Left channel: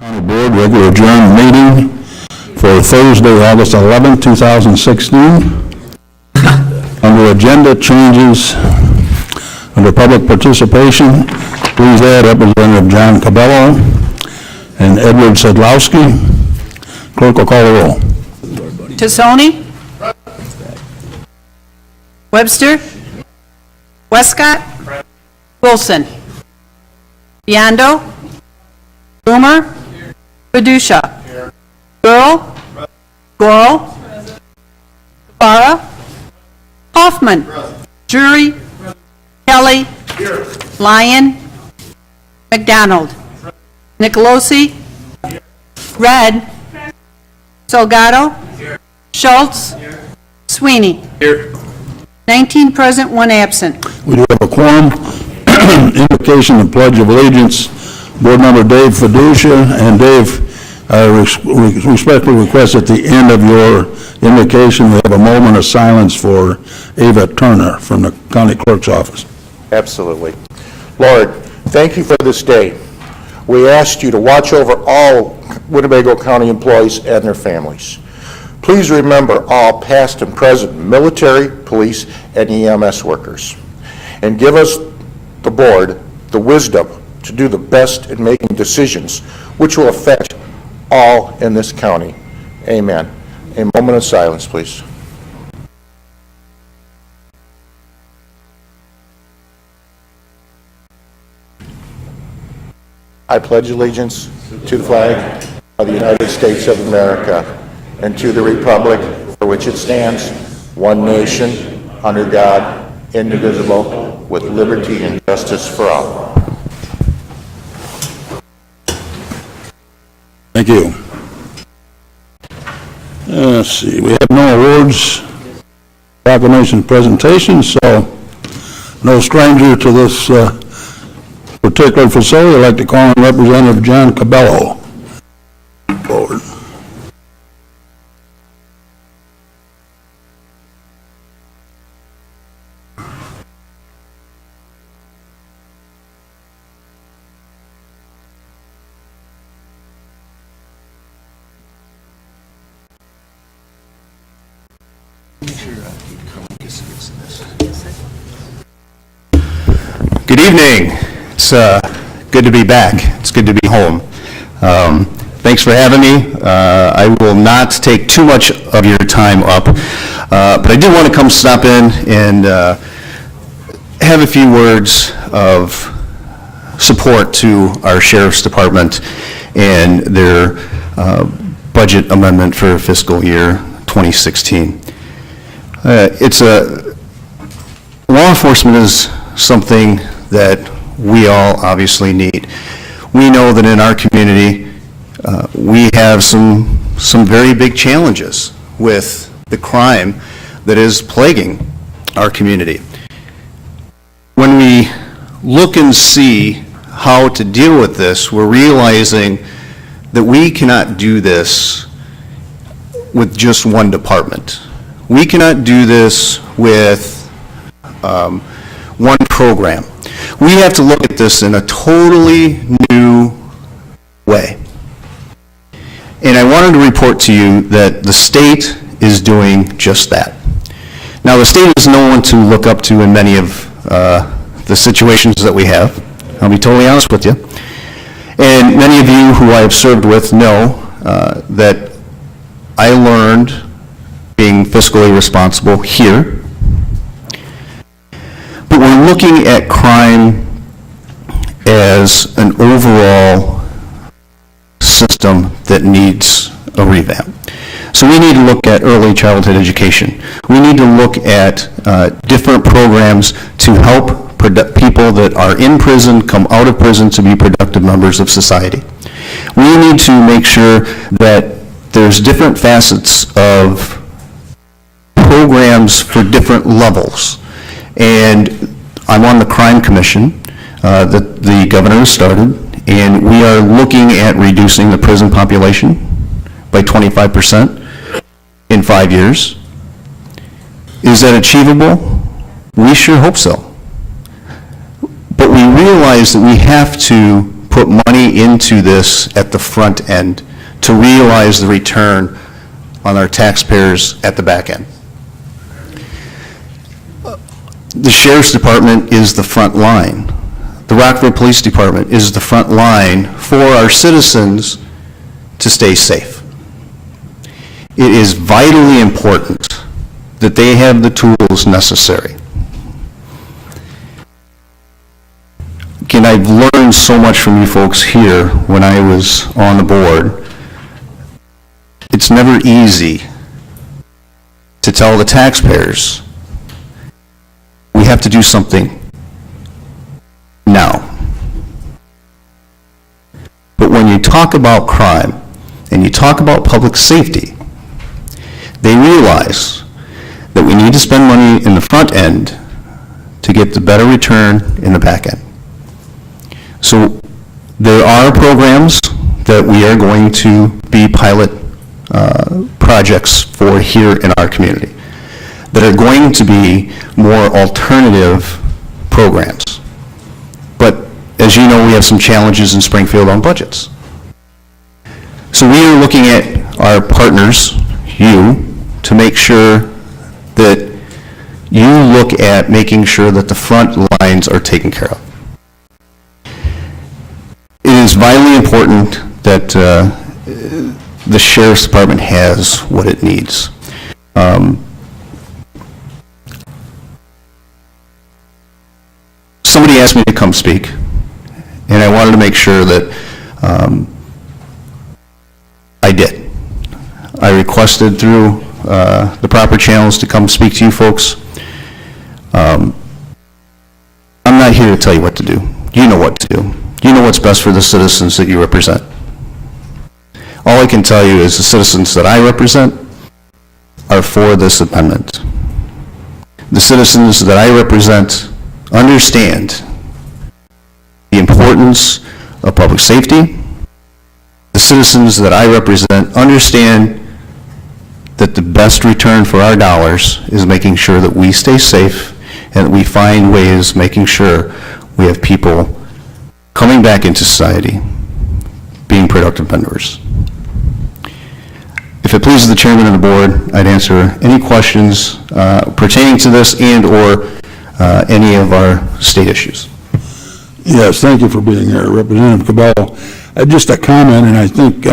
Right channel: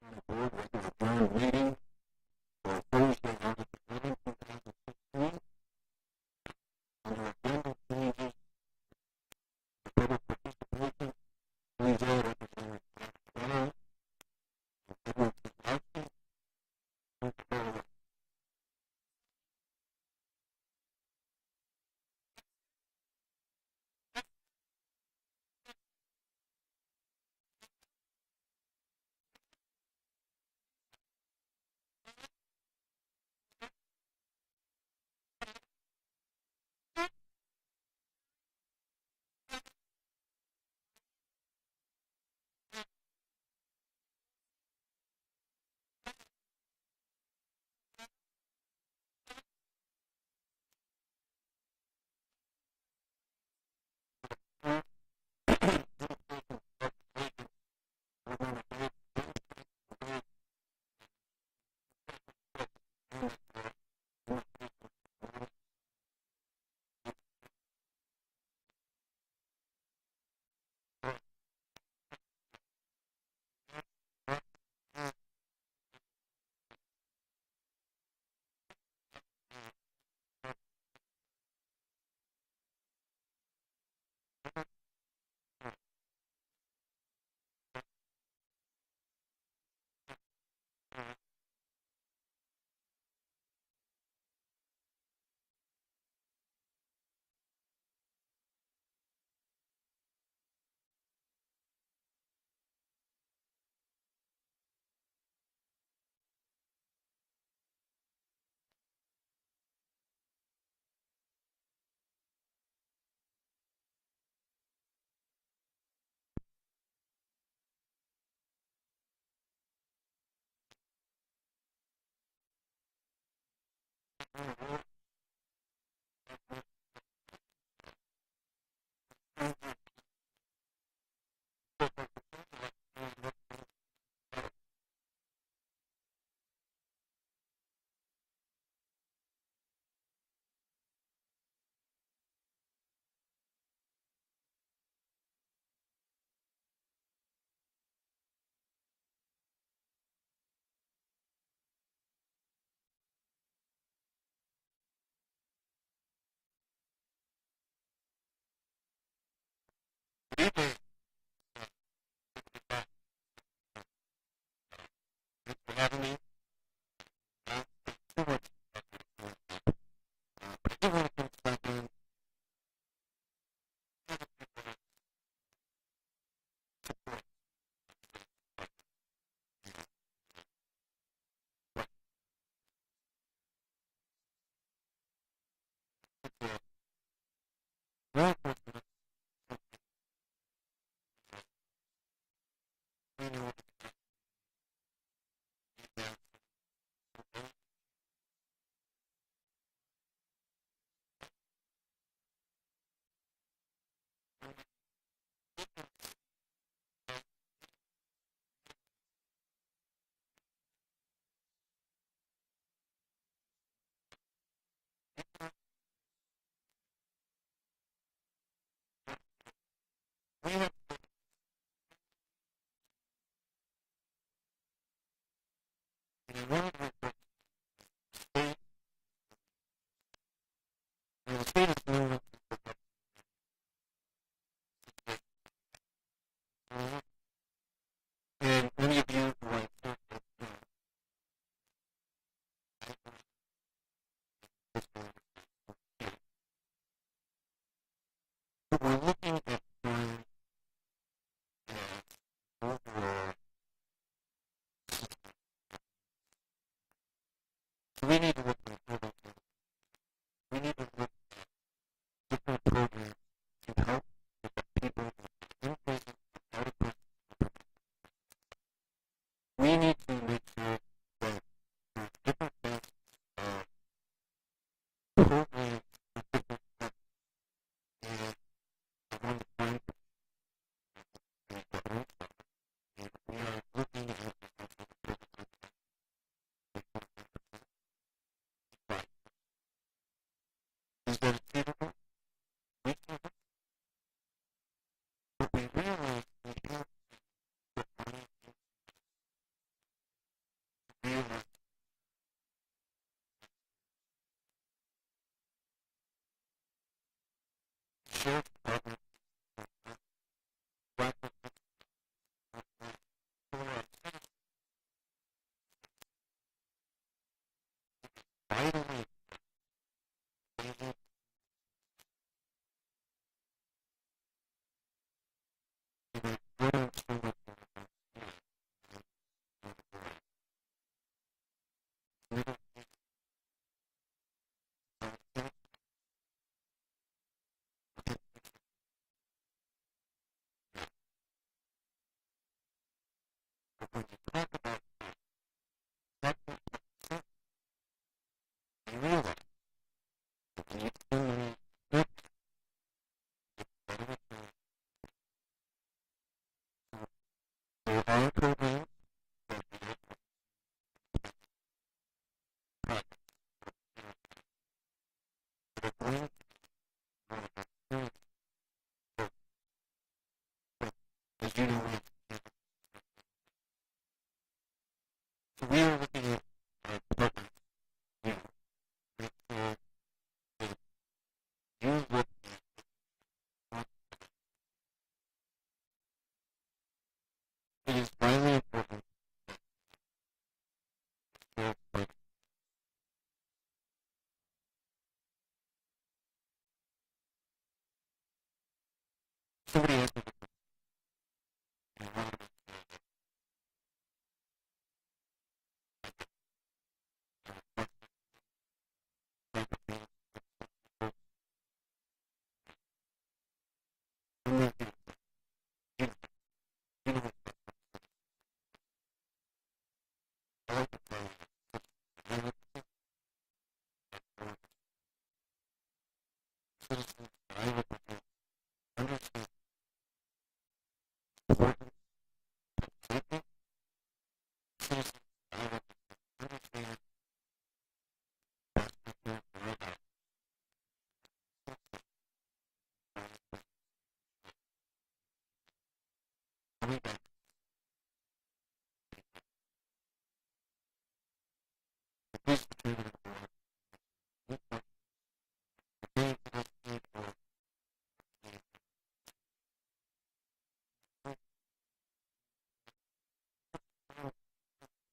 County Board regular adjourned meeting for Thursday, August 11, 2016. Under agenda changes, under public participation, please add Representative John Cabello and Edward Sedlowski. Clerk will call the roll. Tassoni? Webster? Westcott? Wilson? Biondo? Boomer? Padusha? Girl? Goro? Guevara? Hoffman? Drury? Kelly? Lyon? McDonald? Nicolosi? Red? Salgado? Schultz? Sweeney? 19 present, 1 absent. We do have a quorum. Invocation and Pledge of Allegiance. Board Member Dave Fiducia. And Dave, I respectfully request at the end of your invocation we have a moment of silence for Ava Turner from the County Clerk's Office. Absolutely. Lord, thank you for this day. We ask you to watch over all Winnebago County employees and their families. Please remember all past and present military, police, and EMS workers. And give us, the board, the wisdom to do the best in making decisions which will affect all in this county. Amen. A moment of silence, please. I pledge allegiance to the flag of the United States of America and to the republic for which it stands, one nation, under God, indivisible, with liberty and justice for all. Thank you. Let's see, we have no awards, proclamation presentations, so no stranger to this particular facility. I'd like to call on Representative John Cabello forward. Good evening. It's good to be back. It's good to be home. Thanks for having me. I will not take too much of your time up, but I did want to come stop in and have a few words of support to our Sheriff's Department and their budget amendment for fiscal year 2016. Law enforcement is something that we all obviously need. We know that in our community, we have some very big challenges with the crime that is plaguing our community. When we look and see how to deal with this, we're realizing that we cannot do this with just one department. We cannot do this with one program. We have to look at this in a totally new way. And I wanted to report to you that the state is doing just that. Now, the state is no one to look up to in many of the situations that we have. I'll be totally honest with you. And many of you who I have served with know that I learned being fiscally responsible here. But we're looking at crime as an overall system that needs a revamp. So we need to look at early childhood education. We need to look at different programs to help people that are in prison come out of prison to be productive members of society. We need to make sure that there's different facets of programs for different levels. And I'm on the Crime Commission that the governor started, and we are looking at reducing the prison population by 25% in 5 years. Is that achievable? We sure hope so. But we realize that we have to put money into this at the front end to realize the return on our taxpayers at the back end. The Sheriff's Department is the front line. The Rockford Police Department is the front line for our citizens to stay safe. It is vitally important that they have the tools necessary. Again, I've learned so much from you folks here when I was on the board. It's never easy to tell the taxpayers, we have to do something now. But when you talk about crime and you talk about public safety, they realize that we need to spend money in the front end to get the better return in the back end. So there are programs that we are going to be pilot projects for here in our community that are going to be more alternative programs. But as you know, we have some challenges in Springfield on budgets. So we are looking at our partners, you, to make sure that you look at making sure that the front lines are taken care of. It is vitally important that the Sheriff's Department has what it needs. Somebody asked me to come speak, and I wanted to make sure that I did. I requested through the proper channels to come speak to you folks. I'm not here to tell you what to do. You know what to do. You know what's best for the citizens that you represent. All I can tell you is the citizens that I represent are for this amendment. The citizens that I represent understand the importance of public safety. The citizens that I represent understand that the best return for our dollars is making sure that we stay safe and that we find ways making sure we have people coming back into society, being productive members. If it pleases the chairman and the board, I'd answer any questions pertaining to this and or any of our state issues. Yes, thank you for being here, Representative Cabell. Just a comment, and I think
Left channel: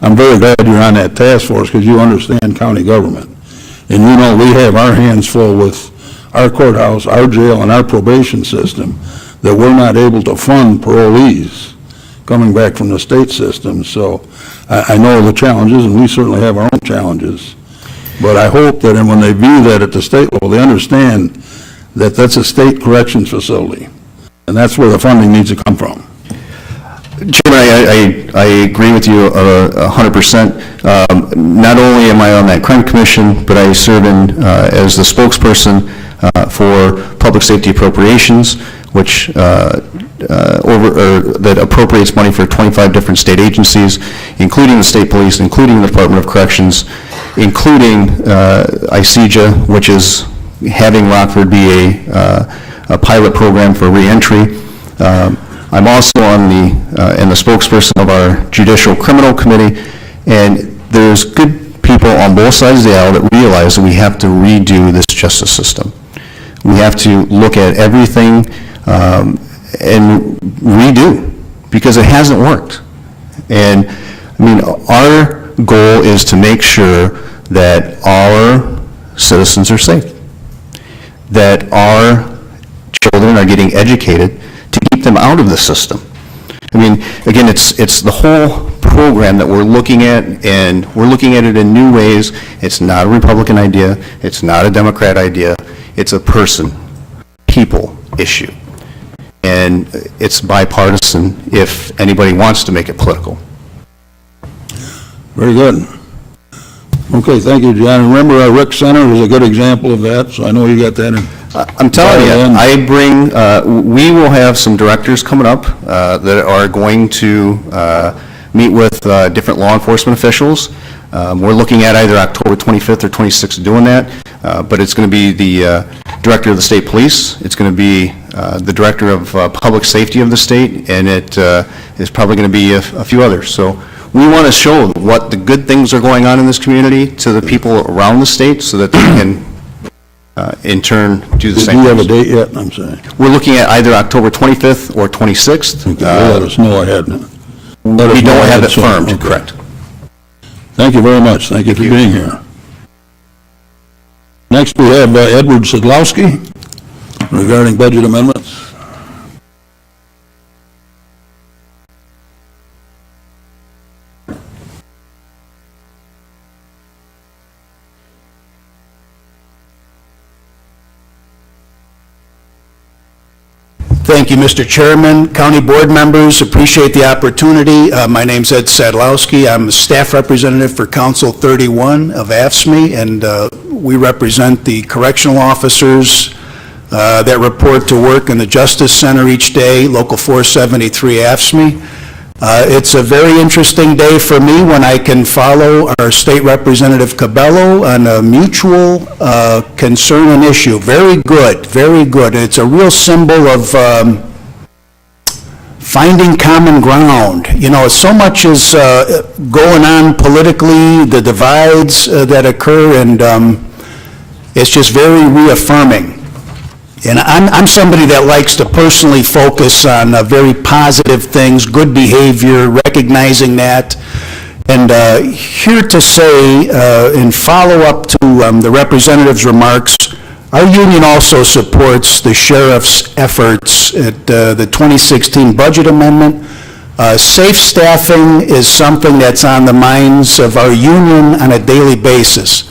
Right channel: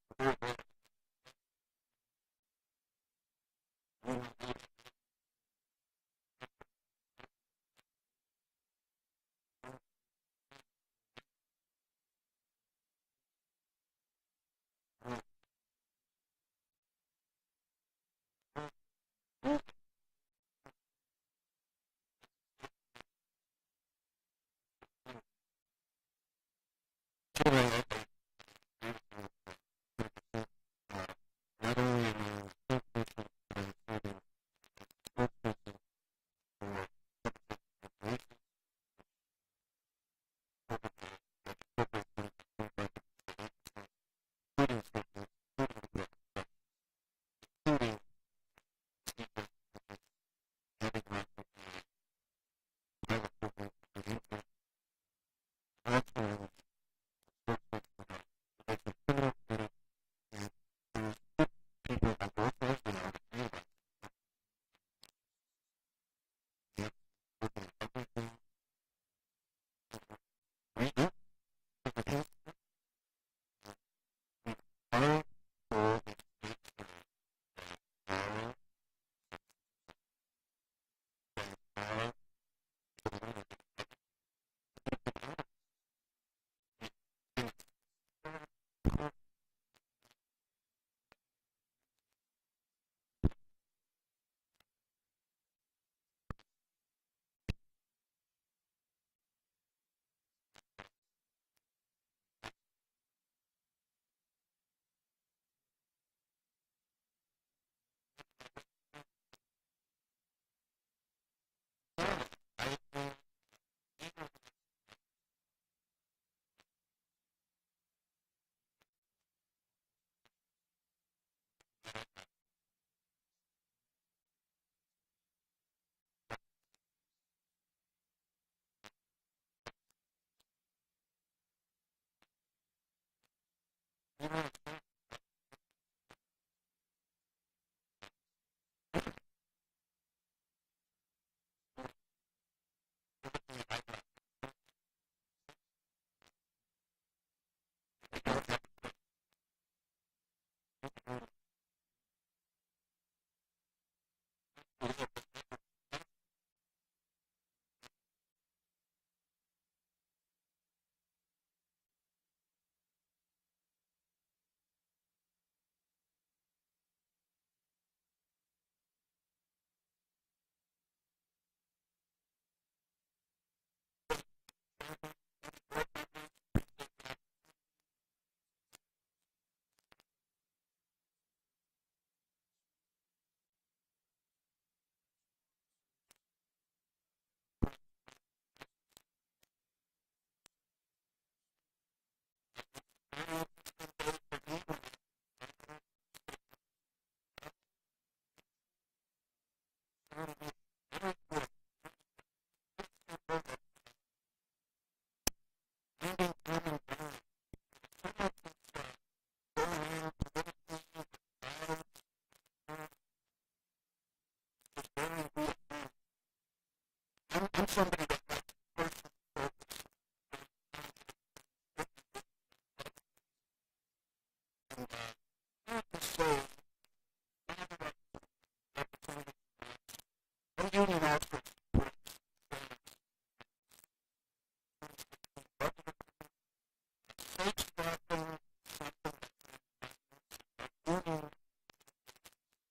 I'm very glad you're on that task force because you understand county government. And you know we have our hands full with our courthouse, our jail, and our probation system that we're not able to fund parolees coming back from the state system. So I know the challenges, and we certainly have our own challenges. But I hope that when they view that at the state level, they understand that that's a state corrections facility, and that's where the funding needs to come from. Chairman, I agree with you 100%. Not only am I on that crime commission, but I serve in as the spokesperson for public safety appropriations, which that appropriates money for 25 different state agencies, including the state police, including the Department of Corrections, including ICEJA, which is having Rockford be a pilot program for reentry. I'm also on and the spokesperson of our Judicial Criminal Committee, and there's good people on both sides of the aisle that realize that we have to redo this justice system. We have to look at everything and redo, because it hasn't worked. And I mean, our goal is to make sure that our citizens are safe, that our children are getting educated to keep them out of the system. I mean, again, it's the whole program that we're looking at, and we're looking at it in new ways. It's not a Republican idea. It's not a Democrat idea. It's a people issue. And it's bipartisan if anybody wants to make it political. Very good. Okay, thank you, John. Remember, our rec center is a good example of that, so I know you got that in. I'm telling you, I bring, we will have some directors coming up that are going to meet with different law enforcement officials. We're looking at either October 25th or 26th doing that, but it's going to be the Director of the State Police. It's going to be the Director of Public Safety of the state, and it is probably going to be a few others. So we want to show what the good things are going on in this community to the people around the state so that they can, in turn, do the Do same you have a things. date yet? I'm sorry. We're looking at either October 25th or 26th. Let us know ahead. We don't have it firmed, Okay. correct. Thank you very much. Thank you for being here. Next, we have Edward Sidlowski regarding budget amendments. Thank you, Mr. Chairman. County Board members, appreciate the opportunity. My name's Ed Sadlowski. I'm a staff representative for Council 31 of AFSCME, and we represent the correctional officers that report to work in the Justice Center each day, Local 473 AFSCME. It's a very interesting day for me when I can follow our State Representative Cabello on a mutual concern and issue. Very good, very good. It's a real symbol of finding common ground. You know, so much is going on politically, the divides that occur, and it's just very reaffirming. And I'm somebody that likes to personally focus on very positive things, good behavior, recognizing that. And here to say, in follow-up to the representative's remarks, our union also supports the sheriff's efforts at the 2016 budget amendment. Safe staffing is something that's on the minds of our union on a daily basis.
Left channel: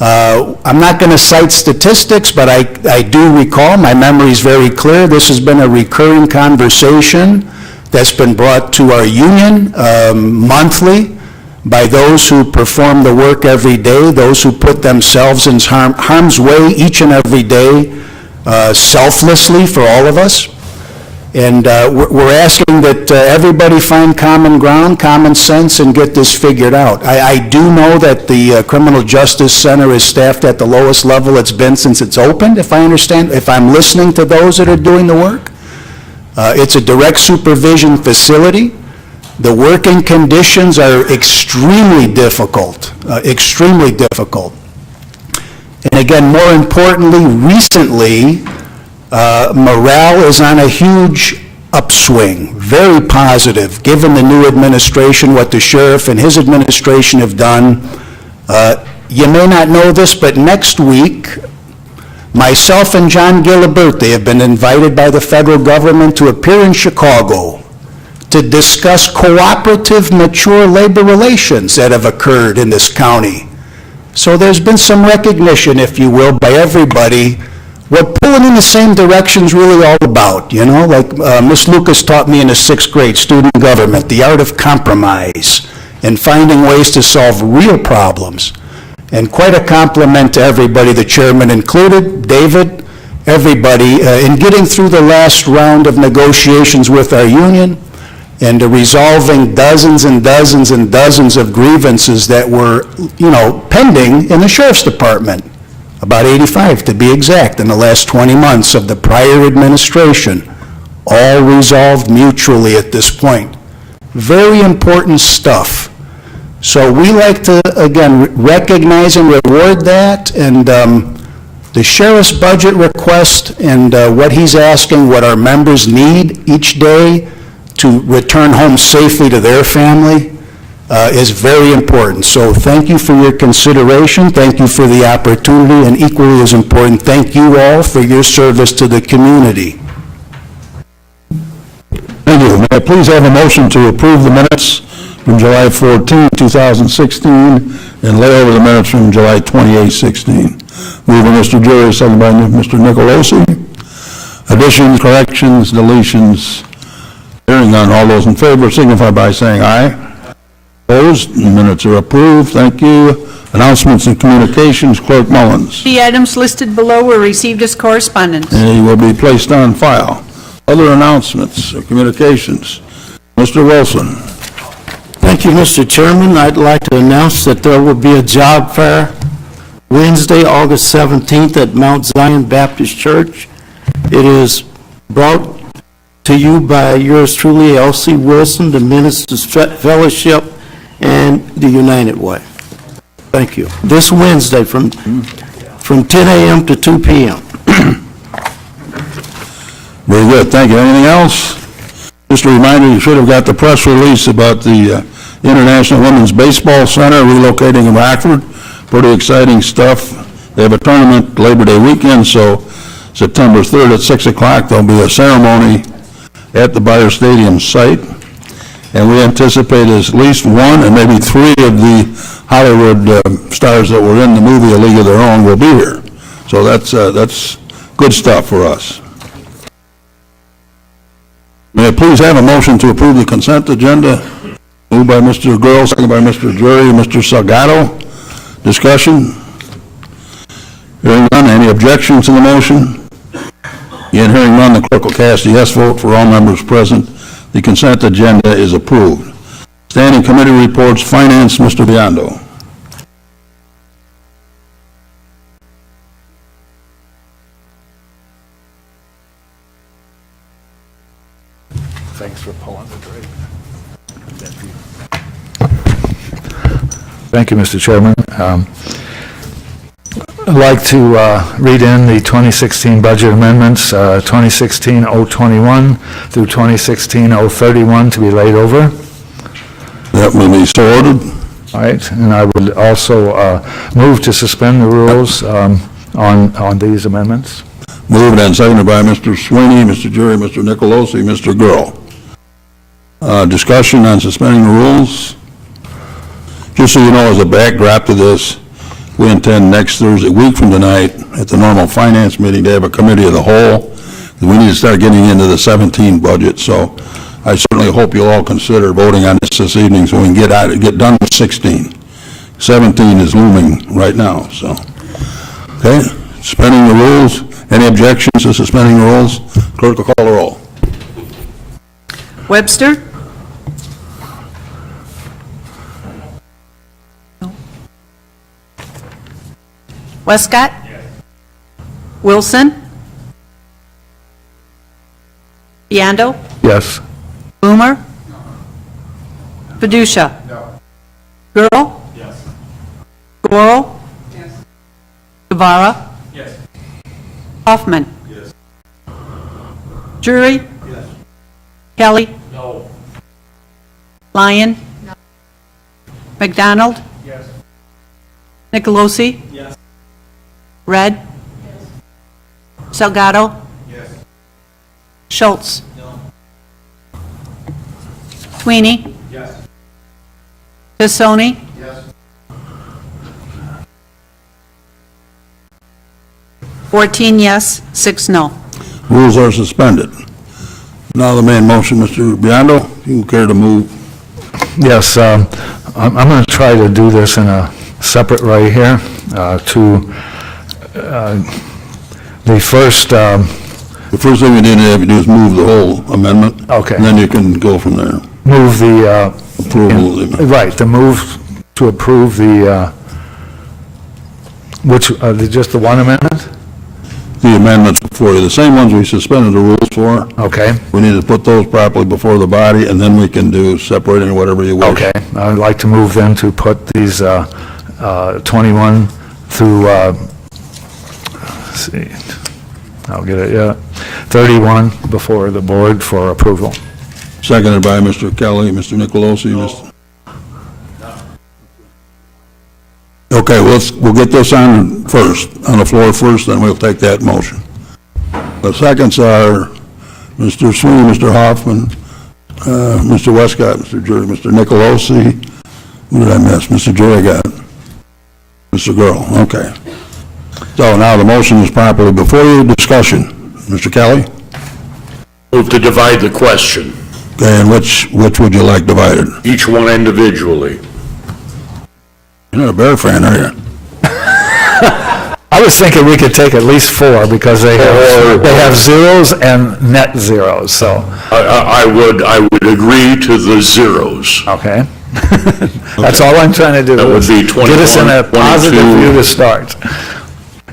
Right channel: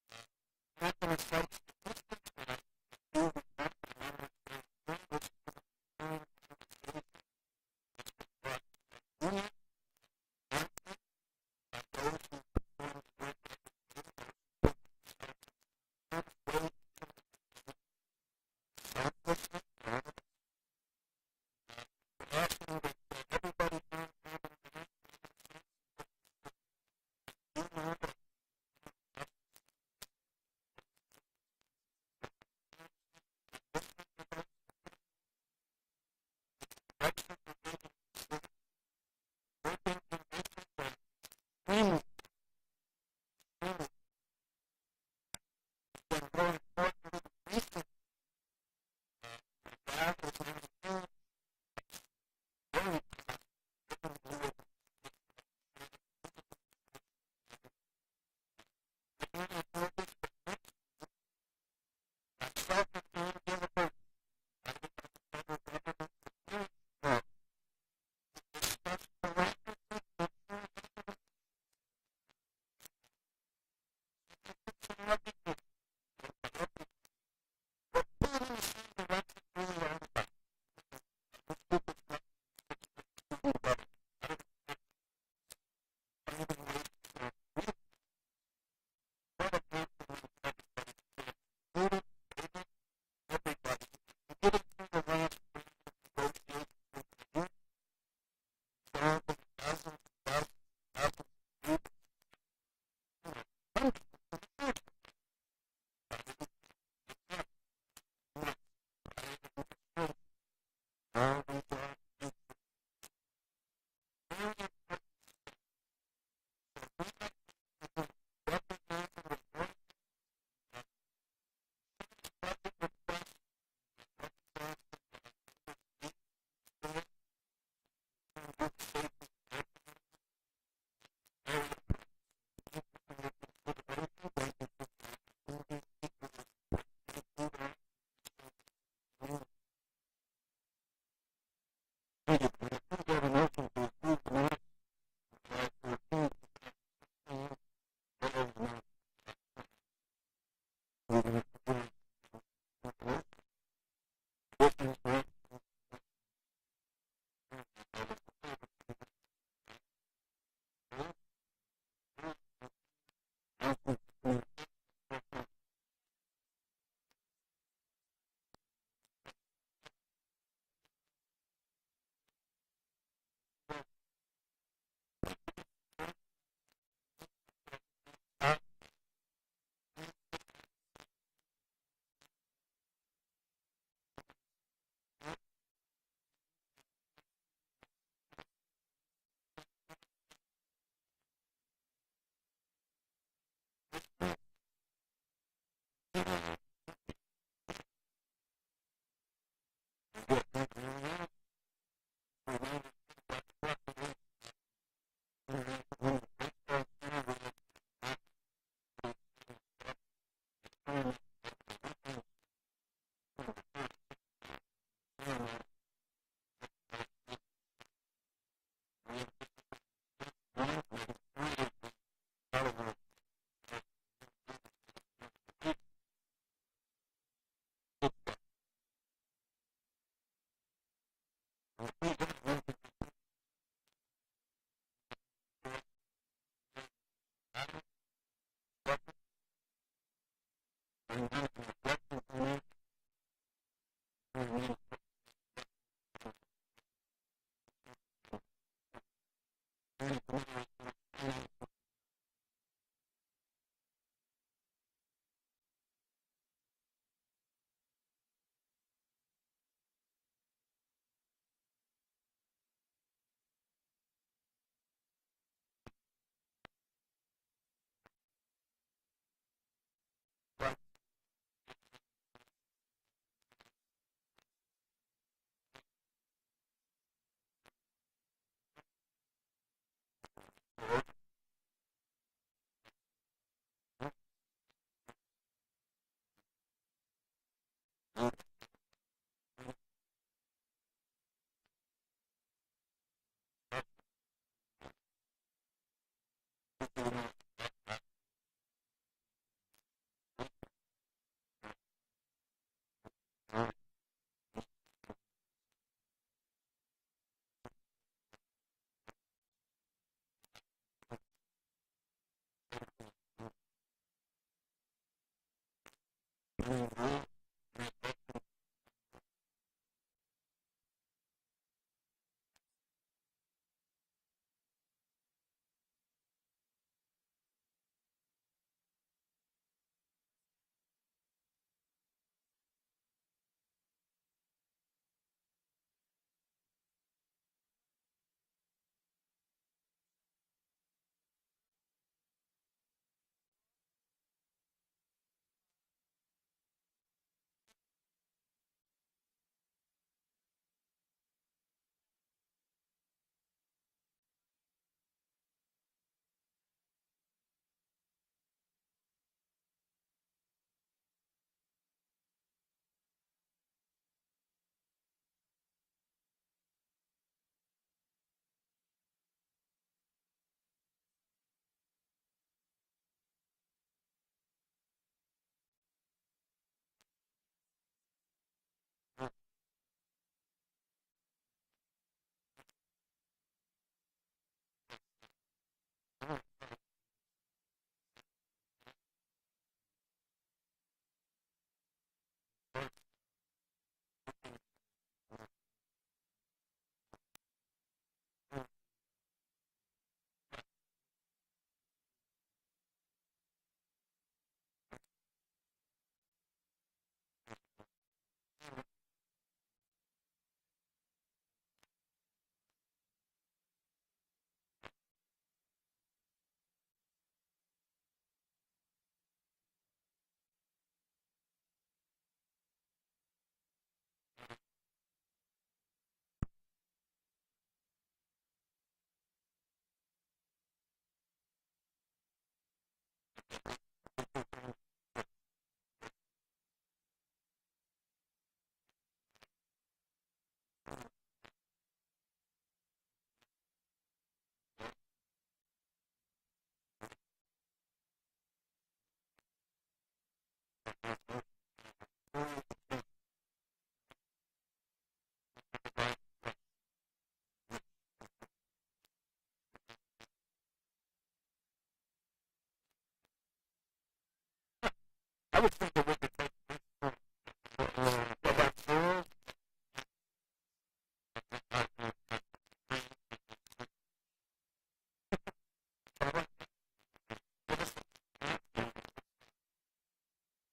I'm not going to cite statistics, but I do recall, my memory is very clear, this has been a recurring conversation that's been brought to our union monthly by those who perform the work every day, those who put themselves in harm's way each and every day, selflessly for all of us. And we're asking that everybody find common ground, common sense, and get this figured out. I do know that the Criminal Justice Center is staffed at the lowest level it's been since it's opened, if I understand, if I'm listening to those that are doing the work. It's a direct supervision facility. The working conditions are extremely difficult, extremely difficult. And again, more importantly, recently, morale is on a huge upswing, very positive, given the new administration, what the sheriff and his administration have done. You may not know this, but next week, myself and John Gilliberti have been invited by the federal government to appear in Chicago to discuss cooperative, mature labor relations that have occurred in this county. So there's been some recognition, if you will, by everybody what pulling in the same direction is really all about, you know? Like Ms. Lucas taught me in the 6th grade, student government, the art of compromise and finding ways to solve real problems. And quite a compliment to everybody, the chairman included, David, everybody, in getting through the last round of negotiations with our union and resolving dozens and dozens and dozens of grievances that were, you know, pending in the sheriff's department. About 85 to be exact, in the last 20 months of the prior administration, all resolved mutually at this point. Very important stuff. So we like to, again, recognize and reward that, and the sheriff's budget request and what he's asking, what our members need each day to return home safely to their family, is very important. So thank you for your consideration, thank you for the opportunity, and equally as important, thank you all for your service to the community. Thank you. May I please have a motion to approve the minutes from July 14, 2016, and lay over the minutes from July 28, 16. Moved by Mr. Jury, second by Mr. Nicolosi. Additions, corrections, deletions, hearing none. All those in favor signify by saying aye. Opposed? The minutes are approved. Thank you. Announcements and communications, Clerk Mullins. The items listed below were received as correspondence. They will be placed on file. Other announcements or communications, Mr. Wilson. Thank you, Mr. Chairman. I'd like to announce that there will be a job fair Wednesday, August 17th at Mount Zion Baptist Church. It is brought to you by yours truly, L.C. Wilson, the Ministers Fellowship, and the United Way. Thank you. This Wednesday from 10 a.m. to 2 p.m. Very good, thank you. Anything else? Just a reminder, you should have got the press release about the International Women's Baseball Center relocating in Rockford. Pretty exciting stuff. They have a tournament Labor Day weekend, so September 3rd at 6 o'clock, there'll be a ceremony at the Bayer Stadium site. And we anticipate at least one and maybe three of the Hollywood stars that were in the movie A League of Their Own will be here. So that's good stuff for us. May I please have a motion to approve the consent agenda? Moved by Mr. Girl, second by Mr. Jury, Mr. Salgado. Discussion? Hearing none, any objections to the motion? Again, hearing none, the clerk will cast a yes vote for all members present. The consent agenda is approved. Standing committee reports, Finance, Mr. Biondo. Thanks for pulling the drink. Thank you, Mr. Chairman. I'd like to read in the 2016 budget amendments, 2016-021 through 2016-031 to be laid over. That will be so ordered. All right, and I would also move to suspend the rules on these amendments. Moved and seconded by Mr. Sweeney, Mr. Jury, Mr. Nicolosi, Mr. Girl. Discussion on suspending the rules. Just so you know, as a backdrop to this, we intend next Thursday, a week from tonight, at the normal finance meeting, to have a committee of the whole. We need to start getting into the 17 budget, so I certainly hope you'll all consider voting on this evening so we can get done with 16. 17 is looming right now, so. Okay, suspending the rules. Any objections to suspending the rules? Clerk will call the roll. Webster? Westcott? Wilson? Biondo? Yes. Boomer? Fiducia? Girl? Yes. Goro? Yes. Guevara? Yes. Hoffman? Yes. Jury? Yes. Kelly? No. Lyon? McDonald? Yes. Nicolosi? Yes. Red? Salgado? Yes. Schultz? No. Sweeney? Yes. Tassoni? Yes. 14 yes, 6 no. Rules are suspended. Now the main motion, Mr. Biondo, you care to move? Yes, I'm going to try to do this in a separate right here to the first, The first thing we need to have you do is move the whole amendment. Okay. And then you can go from there. move the, Approval of the- right, the move to approve the, just the one amendment? The amendments before you, the same ones we suspended the rules for. Okay, We need to put those properly before the body, and then we can do separating whatever you wish. okay. I'd like to move then to put these 21 through, let's see, I'll get it, yeah, 31 before the board for approval. Seconded by Mr. Kelly, Mr. Nicolosi, Mr. Okay, we'll get this on first, on the floor first, then we'll take that motion. The seconds are Mr. Sweeney, Mr. Hoffman, Mr. Westcott, Mr. Jury, Mr. Nicolosi. Who did I miss? Mr. Jury got it. Mr. Girl, okay. So now the motion is properly before you. Discussion. Mr. Kelly? Move to divide the question, Okay, and which would you like divided? each one individually. You're not a Bear fan, are you? I was thinking we could take at least 4 because they have zeros and net zeros, so, I would agree to the zeros. okay. That's all I'm trying to do. That would is be Get us in a 21, positive 22. view to start.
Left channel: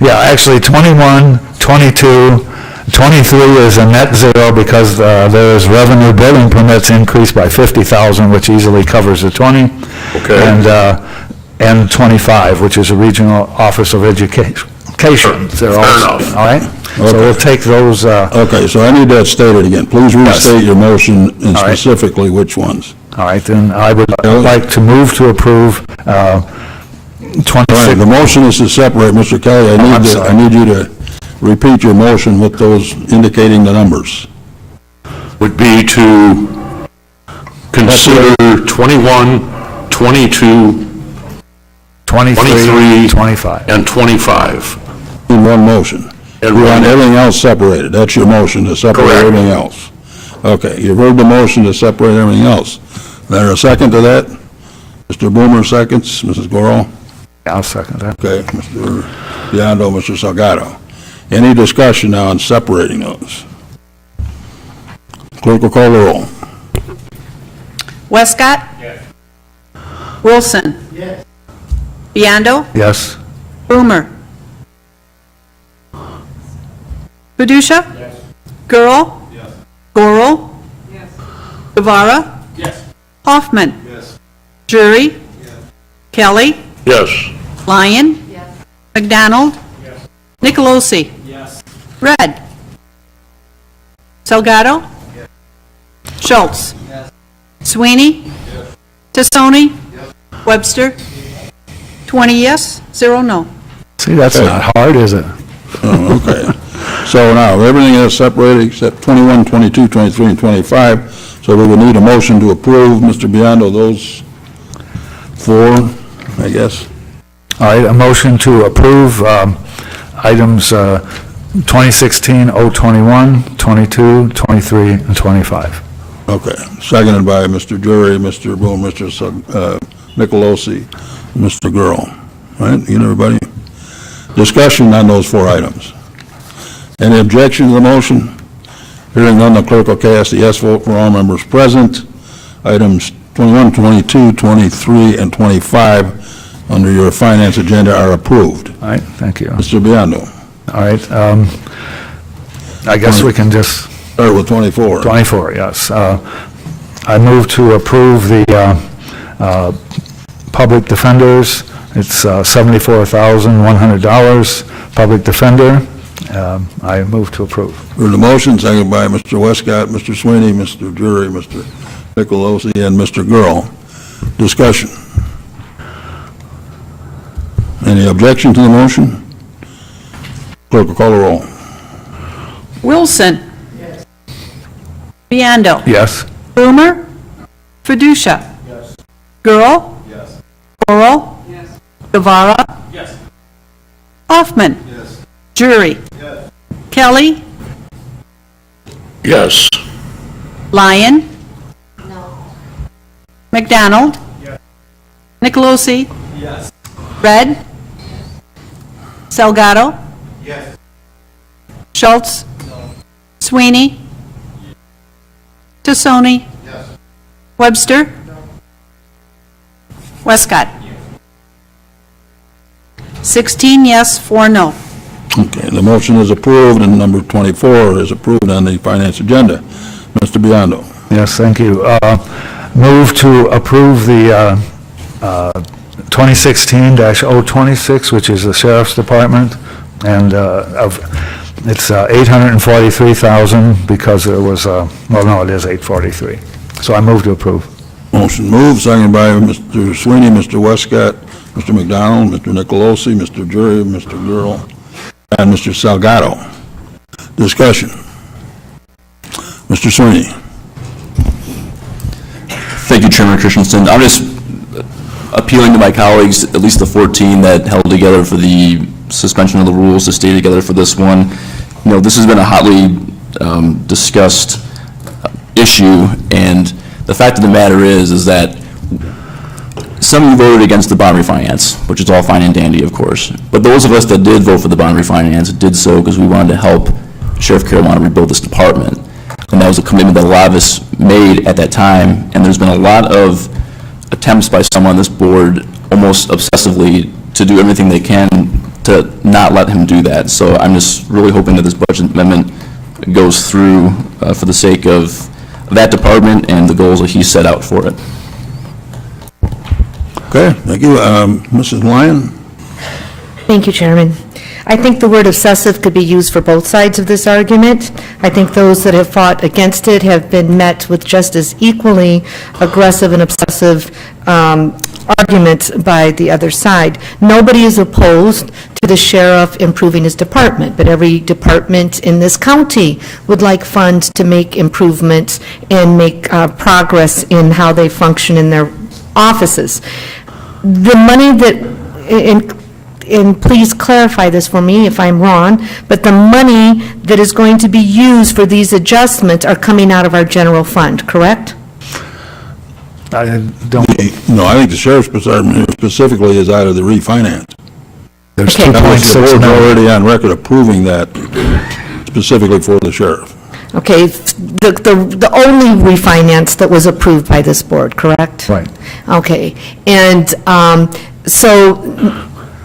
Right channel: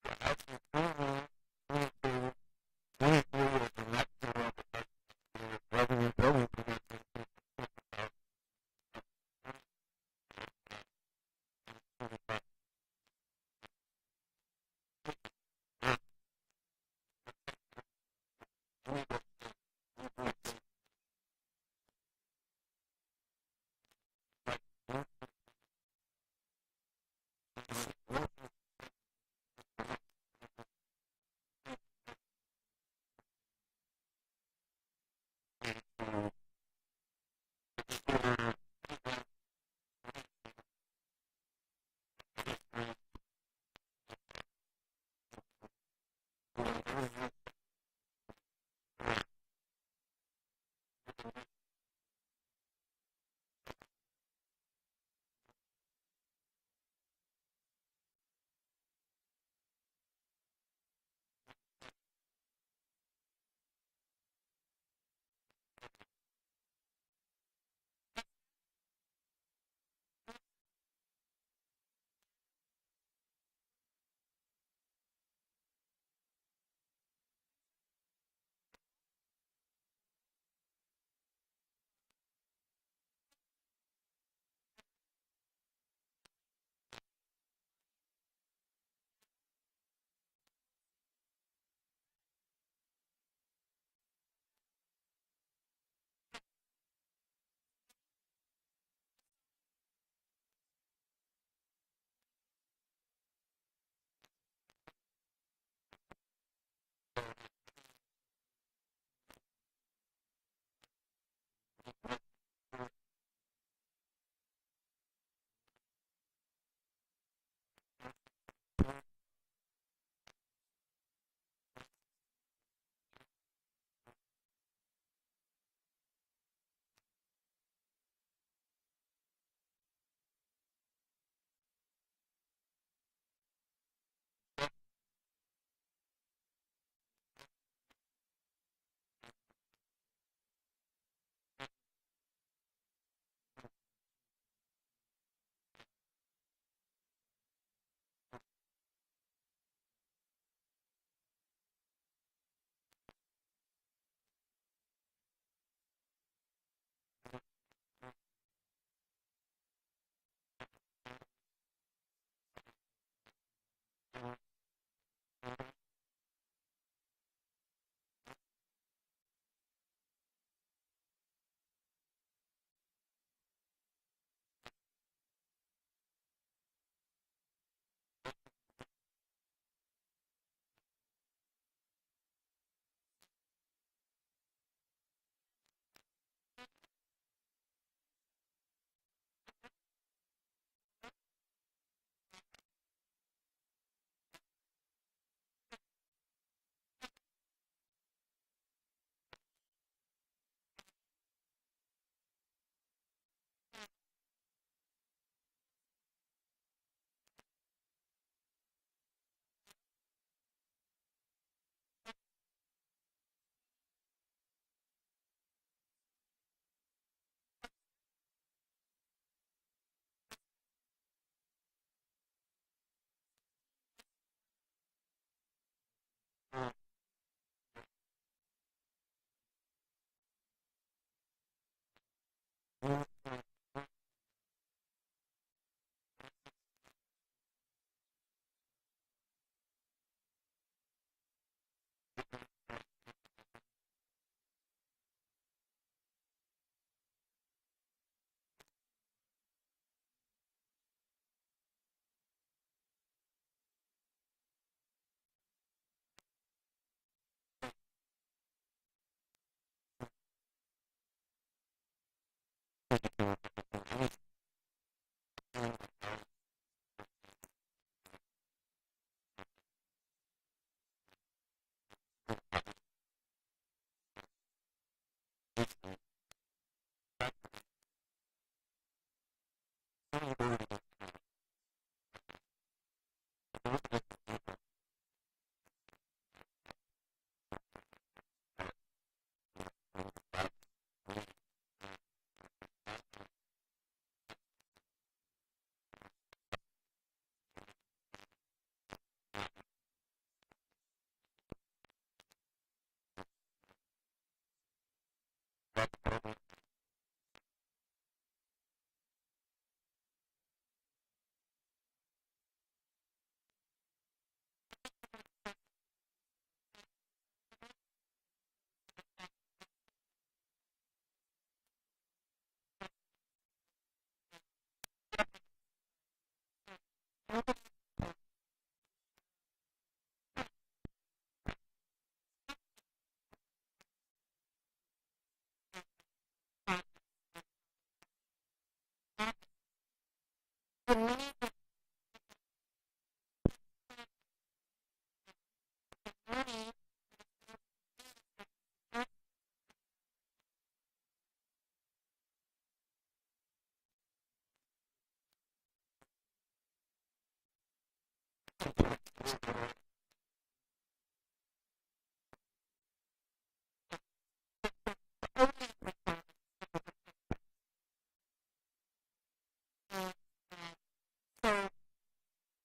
Yeah, actually, 21, 22, 23 is a net zero because there is revenue building permits increased by 50,000, which easily covers the 20. Okay. And 25, which is a regional office of education. They're all- enough. All right? So we'll take those, Okay, so I need that stated again. Please restate your motion and All right. specifically which ones. all right, then I would like to move to approve 26. All right, the motion is to separate, Mr. Kelly, I'm sorry. I need you to repeat your motion with those indicating the numbers. Would be to consider 21, 22, 23, 23, 25. and 25. In one motion. And You want one- everything else separated. That's your motion, to separate Correct. everything else. Okay, you've heard the motion to separate everything else. Is there a second to that? Mr. Boomer seconds, Mrs. Goro? I'll second that. Okay, Mr. Biondo, Mr. Salgado. Any discussion now on separating those? Clerk will call the roll. Westcott? Yes. Wilson? Yes. Biondo? Yes? Boomer? Badusha? Yes. Girl? Yes. Goro? Yes. Guevara? Yes. Hoffman? Yes. Drury? Yes. Kelly? Yes. Lyon? Yes. McDonald? Yes. Nicolosi? Yes. Red? Salgado? Yes. Schultz? Yes. Sweeney? Yes. Tassoni? Yes. Webster? 20 yes, 0 no. See, that's not hard, is it? Oh, okay. So now, everything is separated except 21, 22, 23, and 25. So we would need a motion to approve, Mr. Biondo, those four, I guess. All right, a motion to approve items 2016-021, 22, 23, and 25. Okay. Seconded by Mr. Drury, Mr. Boone, Mr. Nicolosi, Mr. Gurl. All right, you know, everybody? Discussion on those four items. Any objection to the motion? Hearing none, the clerk will cast the yes vote for all members present. Items 21, 22, 23, and 25 under your finance agenda are approved. All right, thank you. Mr. Biondo, All right, I guess we can just, start with 24. 24, yes. I move to approve the public defenders. It's $74,100, public defender. I move to approve. Heard the motion, seconded by Mr. Westcott, Mr. Sweeney, Mr. Drury, Mr. Nicolosi, and Mr. Gurl. Discussion. Any objection to the motion? Clerk will call the roll. Wilson? Yes. Biondo? Yes? Boomer? Badusha? Yes. Girl? Yes. Goro? Yes. Guevara? Yes. Hoffman? Yes. Drury? Yes. Kelly? Yes. Lyon? No. McDonald? Yes. Nicolosi? Yes. Red? Salgado? Yes. Schultz? No. Sweeney? Tassoni? Yes. Webster? No. Westcott? Yes. 16 yes, 4 no. Okay, the motion is approved, and number 24 is approved on the finance agenda. Mr. Biondo. Yes, thank you. Move to approve the 2016-026, which is the Sheriff's Department, and it's 843,000 because there was, well, no, it is 843. So I move to approve. Motion moved, seconded by Mr. Sweeney, Mr. Westcott, Mr. McDonald, Mr. Nicolosi, Mr. Drury, Mr. Gurl, and Mr. Salgado. Discussion. Mr. Sweeney. Thank you, Chairman Christensen. I'm just appealing to my colleagues, at least the 14 that held together for the suspension of the rules, to stay together for this one. You know, this has been a hotly discussed issue, and the fact of the matter is that some of you voted against the bond refinance, which is all fine and dandy, of course. But those of us that did vote for the bond refinance did so because we wanted to help Sheriff Carolina rebuild this department. And that was a commitment that a lot of us made at that time, and there's been a lot of attempts by some on this board almost obsessively to do everything they can to not let him do that. So I'm just really hoping that this budget amendment goes through for the sake of that department and the goals that he set out for it. Okay, thank you. Mrs. Lyon? Thank you, Chairman. I think the word obsessive could be used for both sides of this argument. I think those that have fought against it have been met with just as equally aggressive and obsessive arguments by the other side. Nobody is opposed to the sheriff improving his department, but every department in this county would like funds to make improvements and make progress in how they function in their offices. The money that, and please clarify this for me if I'm wrong, but the money that is going to be used for these adjustments are coming out of our general fund, correct? I don't, No, I think the sheriff's department specifically is out of the refinance. there's Okay. That was the 2.6 board's million. already on record approving that specifically for the sheriff. Okay, the only refinance that was approved by this board, correct? Right. Okay, and so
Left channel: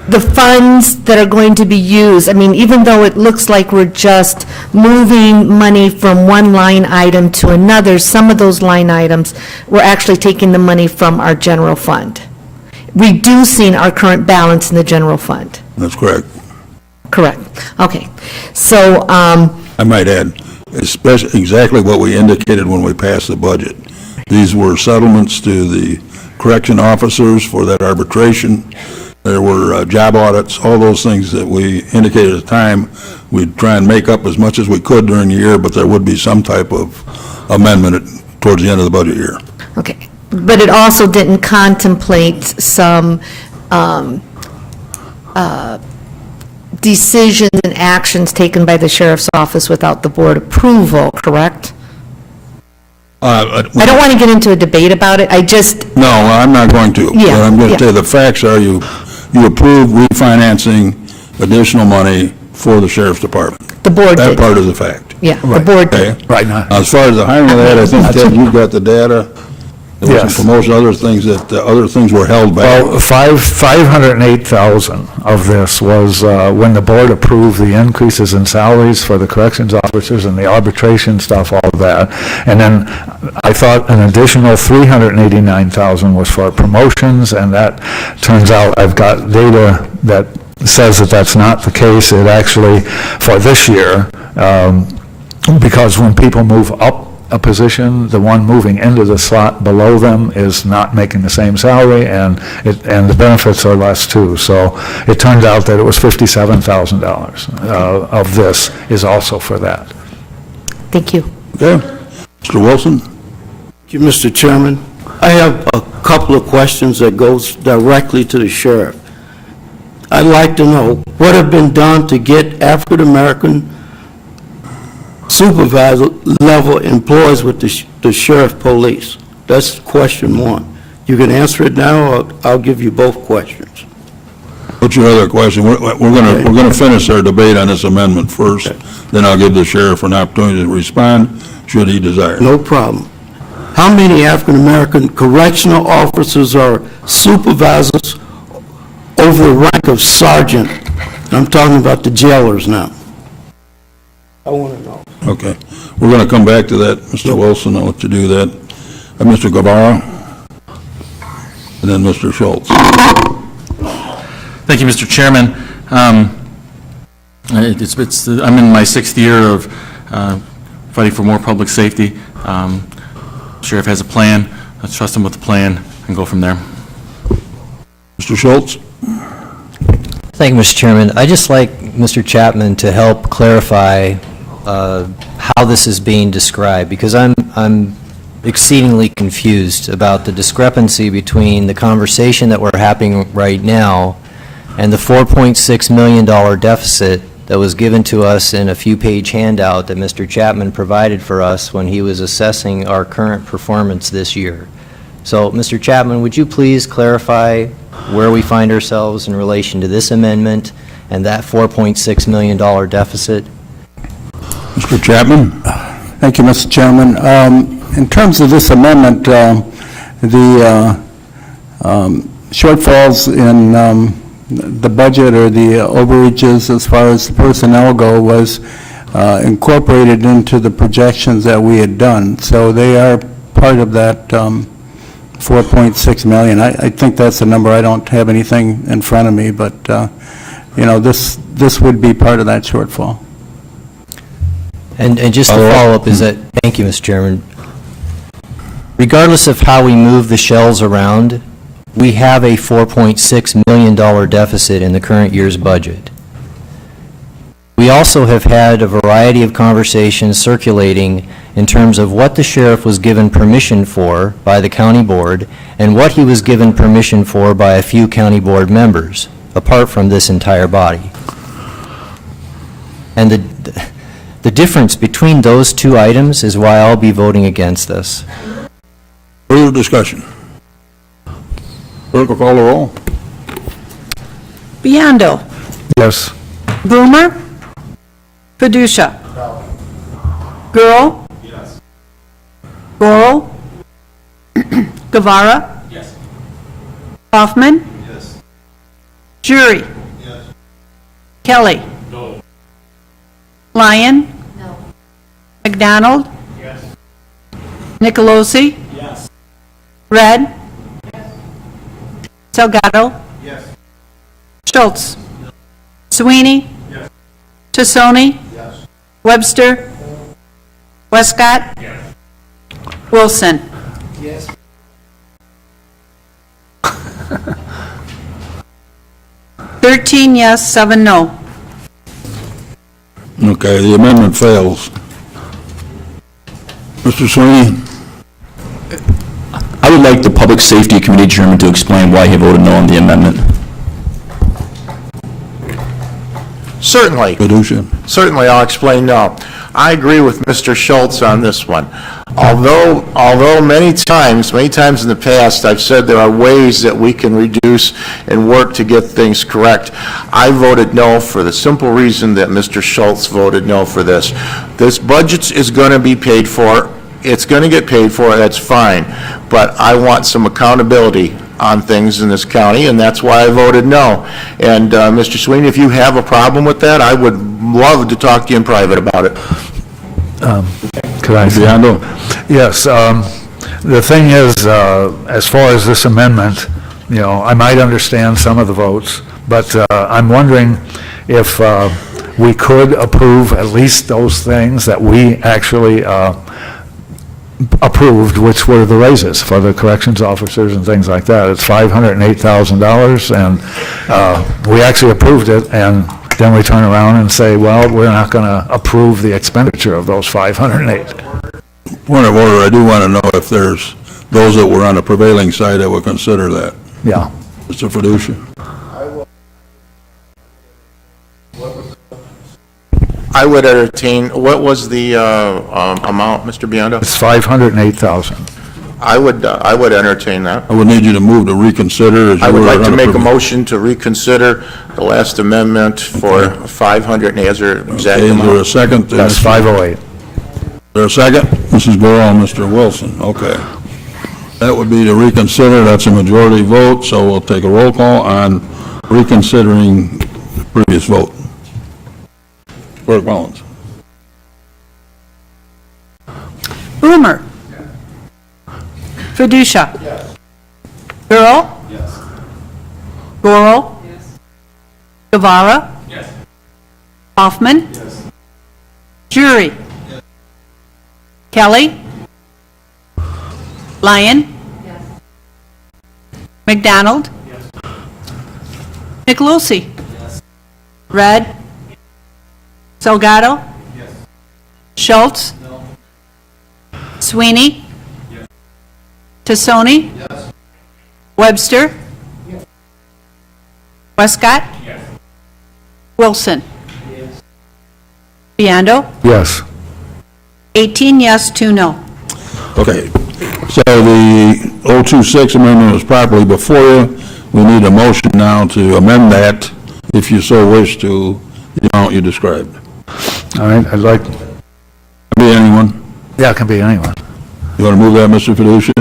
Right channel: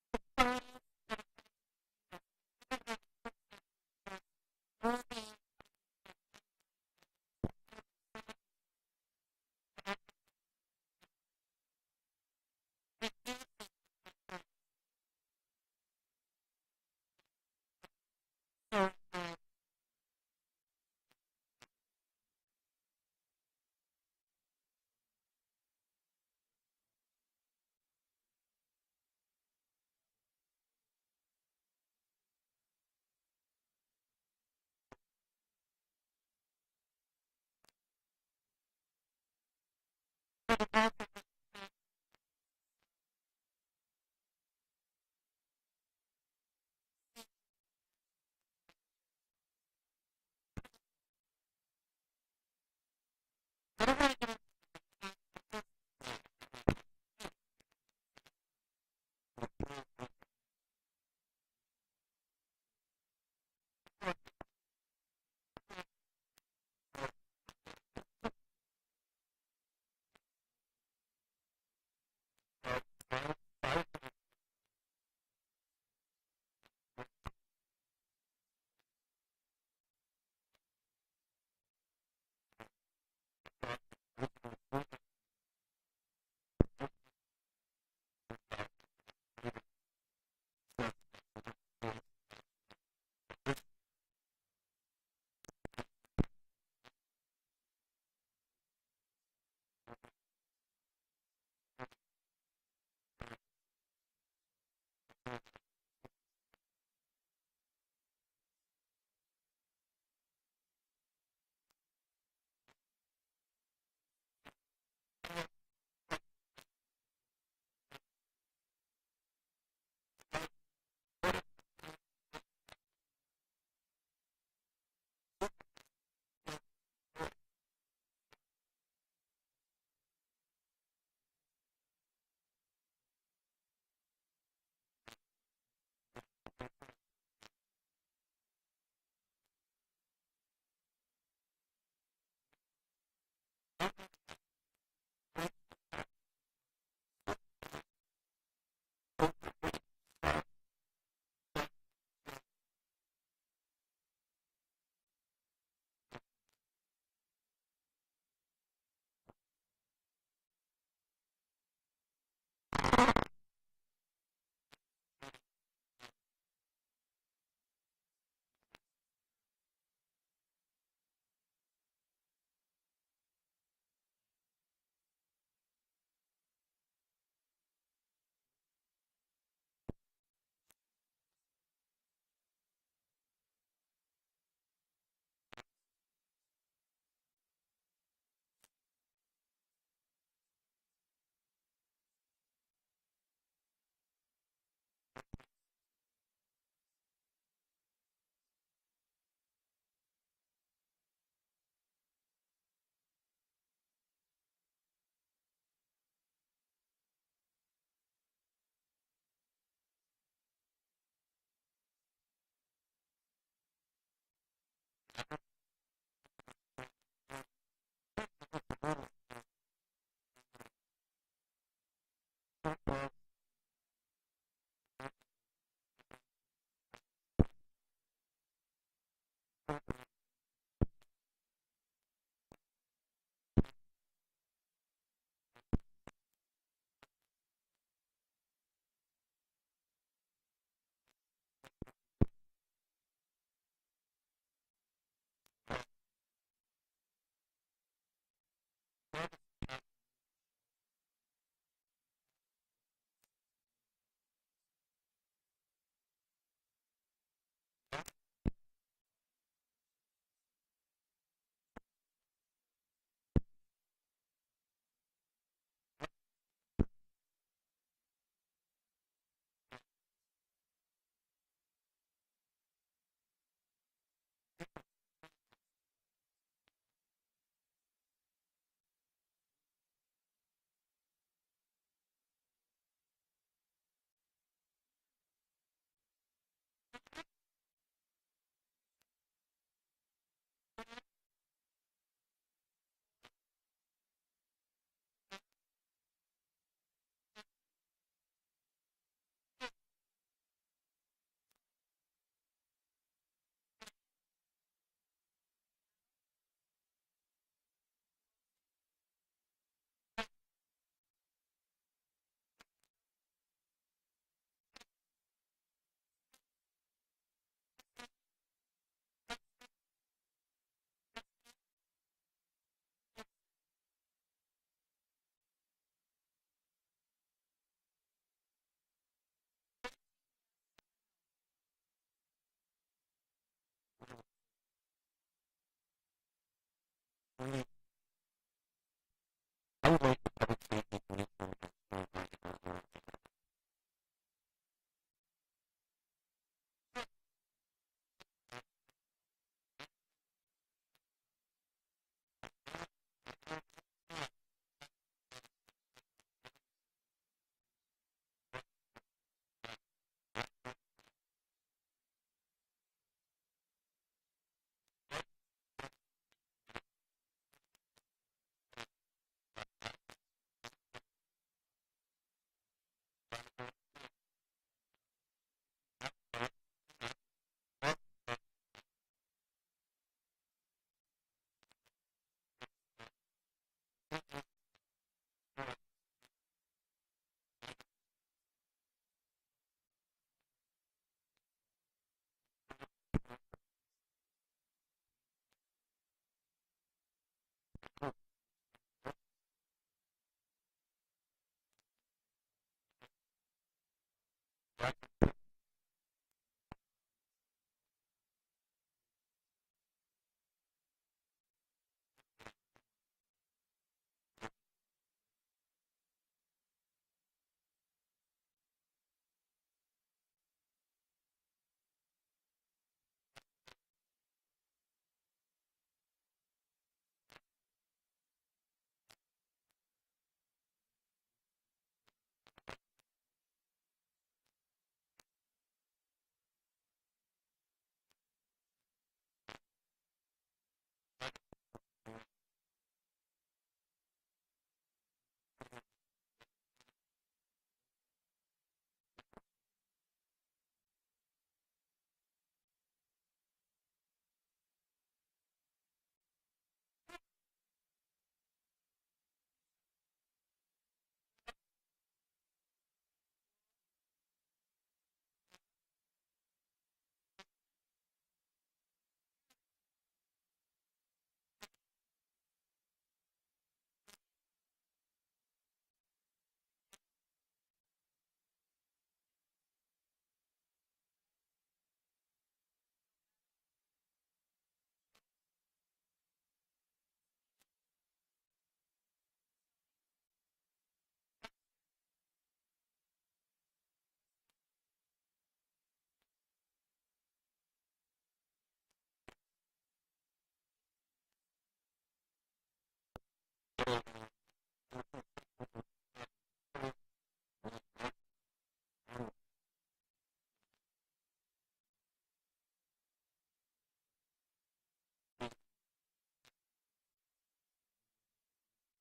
the funds that are going to be used, I mean, even though it looks like we're just moving money from one line item to another, some of those line items, we're actually taking the money from our general fund, reducing our current balance in the general fund. That's correct. Correct. Okay. So, I might add, especially exactly what we indicated when we passed the budget. These were settlements to the correction officers for that arbitration. There were job audits, all those things that we indicated at the time. We'd try and make up as much as we could during the year, but there would be some type of amendment towards the end of the budget year. okay. But it also didn't contemplate some decisions and actions taken by the sheriff's office without the board approval, correct? I don't want to get into a debate about it, I just, No, I'm not going to. Yeah, But I'm going yeah. to tell you, the facts are you approved refinancing additional money for the sheriff's department. the board That did. part is a fact. Yeah, the board Okay? did. Right now. As far as the hiring of that, I think, Ted, you've got the data. There was Yes. some promotion, other things that, other things were held back. Well, 508,000 of this was when the board approved the increases in salaries for the corrections officers and the arbitration stuff, all of that. And then I thought an additional 389,000 was for promotions, and that turns out I've got data that says that that's not the case. It actually, for this year, because when people move up a position, the one moving into the slot below them is not making the same salary, and the benefits are less too. So it turned out that it was $57,000 of this is also for that. Thank you. Okay? Mr. Wilson? Thank you, Mr. Chairman. I have a couple of questions that goes directly to the sheriff. I'd like to know what have been done to get African-American supervisor level employees with the sheriff police. That's question one. You can answer it now, or I'll give you both questions. What's your other question? We're going to finish our debate on this amendment first, then I'll give the sheriff an opportunity to respond, should he desire. No problem. How many African-American correctional officers are supervisors over the rank of sergeant? And I'm talking about the jailers now. I want to know. Okay. We're going to come back to that, Mr. Wilson, I'll let you do that. Mr. Guevara, and then Mr. Schultz. Thank you, Mr. Chairman. I'm in my sixth year of fighting for more public safety. Sheriff has a plan. Let's trust him with the plan and go from there. Mr. Schultz? Thank you, Mr. Chairman. I'd just like Mr. Chapman to help clarify how this is being described, because I'm exceedingly confused about the discrepancy between the conversation that we're having right now and the $4.6 million deficit that was given to us in a few-page handout that Mr. Chapman provided for us when he was assessing our current performance this year. So, Mr. Chapman, would you please clarify where we find ourselves in relation to this amendment and that $4.6 million deficit? Mr. Chapman? Thank you, Mr. Chairman. In terms of this amendment, the shortfalls in the budget or the overages as far as the personnel go was incorporated into the projections that we had done. So they are part of that 4.6 million. I think that's a number. I don't have anything in front of me, but, you know, this would be part of that shortfall. And just to follow up is that, thank you, Mr. Chairman. Regardless of how we move the shells around, we have a $4.6 million deficit in the current year's budget. We also have had a variety of conversations circulating in terms of what the sheriff was given permission for by the county board and what he was given permission for by a few county board members, apart from this entire body. And the difference between those two items is why I'll be voting against this. Further discussion? Clerk will call the roll. Biondo. Yes. Boomer. Padusha. Gurl. Yes. Goro. Guevara. Yes. Hoffman. Yes. Jury. Yes. Kelly. No. Lyon. No. McDonald. Yes. Nicolosi. Yes. Red. Salgado. Yes. Schultz. Sweeney. Yes. Tassoni. Yes. Webster. Westcott. Yes. Wilson. Yes. 13 yes, 7 no. Okay, the amendment fails. Mr. Sweeney? I would like the Public Safety Committee Chairman to explain why he voted no on the amendment. Certainly. Padusha? Certainly, I'll explain now. I agree with Mr. Schultz on this one. Although many times in the past, I've said there are ways that we can reduce and work to get things correct, I voted no for the simple reason that Mr. Schultz voted no for this. This budget is going to be paid for. It's going to get paid for, that's fine. But I want some accountability on things in this county, and that's why I voted no. And Mr. Sweeney, if you have a problem with that, I would love to talk to you in private about it. Could I? Biondo? Yes. The thing is, as far as this amendment, you know, I might understand some of the votes, but I'm wondering if we could approve at least those things that we actually approved, which were the raises for the corrections officers and things like that. It's $508,000, and we actually approved it, and then we turn around and say, well, we're not going to approve the expenditure of those 508. Point of order, I do want to know if there's those that were on the prevailing side that would consider that. Yeah. Mr. Fiducia? I would entertain, what was the amount, Mr. Biondo? It's 508,000. I would entertain that. I would need you to move to reconsider. As I you would were like to make a unapproved. motion to reconsider the last amendment for 500, and is there exact Okay, is there a amount? second? That's 508. Is there a second? Mrs. Gurl and Mr. Wilson, okay. That would be to reconsider, that's a majority vote, so we'll take a roll call on reconsidering the previous vote. Clerk Mullins. Boomer. Fiducia. Yes. Gurl. Yes. Goro. Guevara. Yes. Hoffman. Yes. Jury. Kelly. Lyon. McDonald. Nicolosi. Red. Salgado. Yes. Schultz. No. Sweeney. Yes. Tassoni. Yes. Webster. Westcott. Yes. Wilson. Yes. Biondo. Yes. 18 yes, 2 no. Okay, so the 026 amendment was properly before you. We need a motion now to amend that, if you so wish, to the amount you described. All right, I'd like, Be anyone? yeah, it can be anyone. You want to move that, Mr. Fiducia,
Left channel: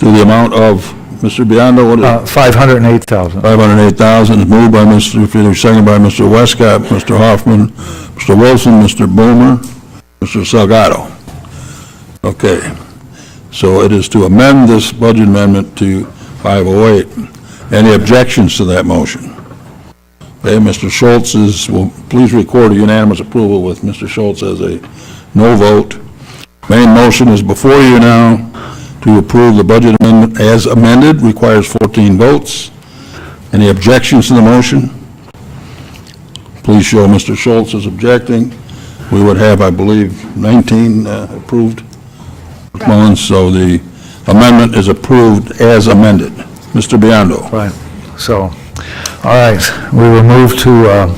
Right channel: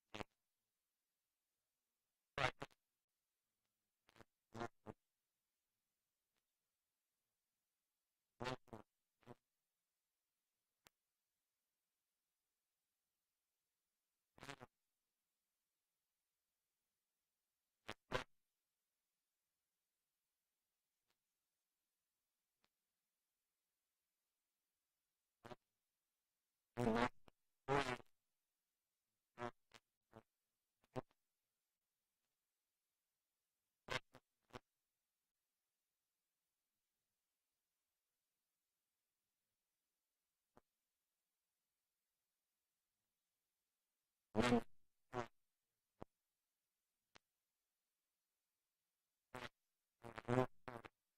to the amount of Mr. Biondo, what is it? 508,000. 508,000, moved by Mr. Friedrich, second by Mr. Westcott, Mr. Hoffman, Mr. Wilson, Mr. Boomer, Mr. Salgado. Okay, so it is to amend this budget amendment to 508. Any objections to that motion? Okay, Mr. Schultz will please record a unanimous approval with Mr. Schultz as a no vote. Main motion is before you now to approve the budget amendment as amended, requires 14 votes. Any objections to the motion? Please show Mr. Schultz is objecting. We would have, I believe, 19 approved ones, so the amendment is approved as amended. Mr. Biondo. Right. So, all right, we will move to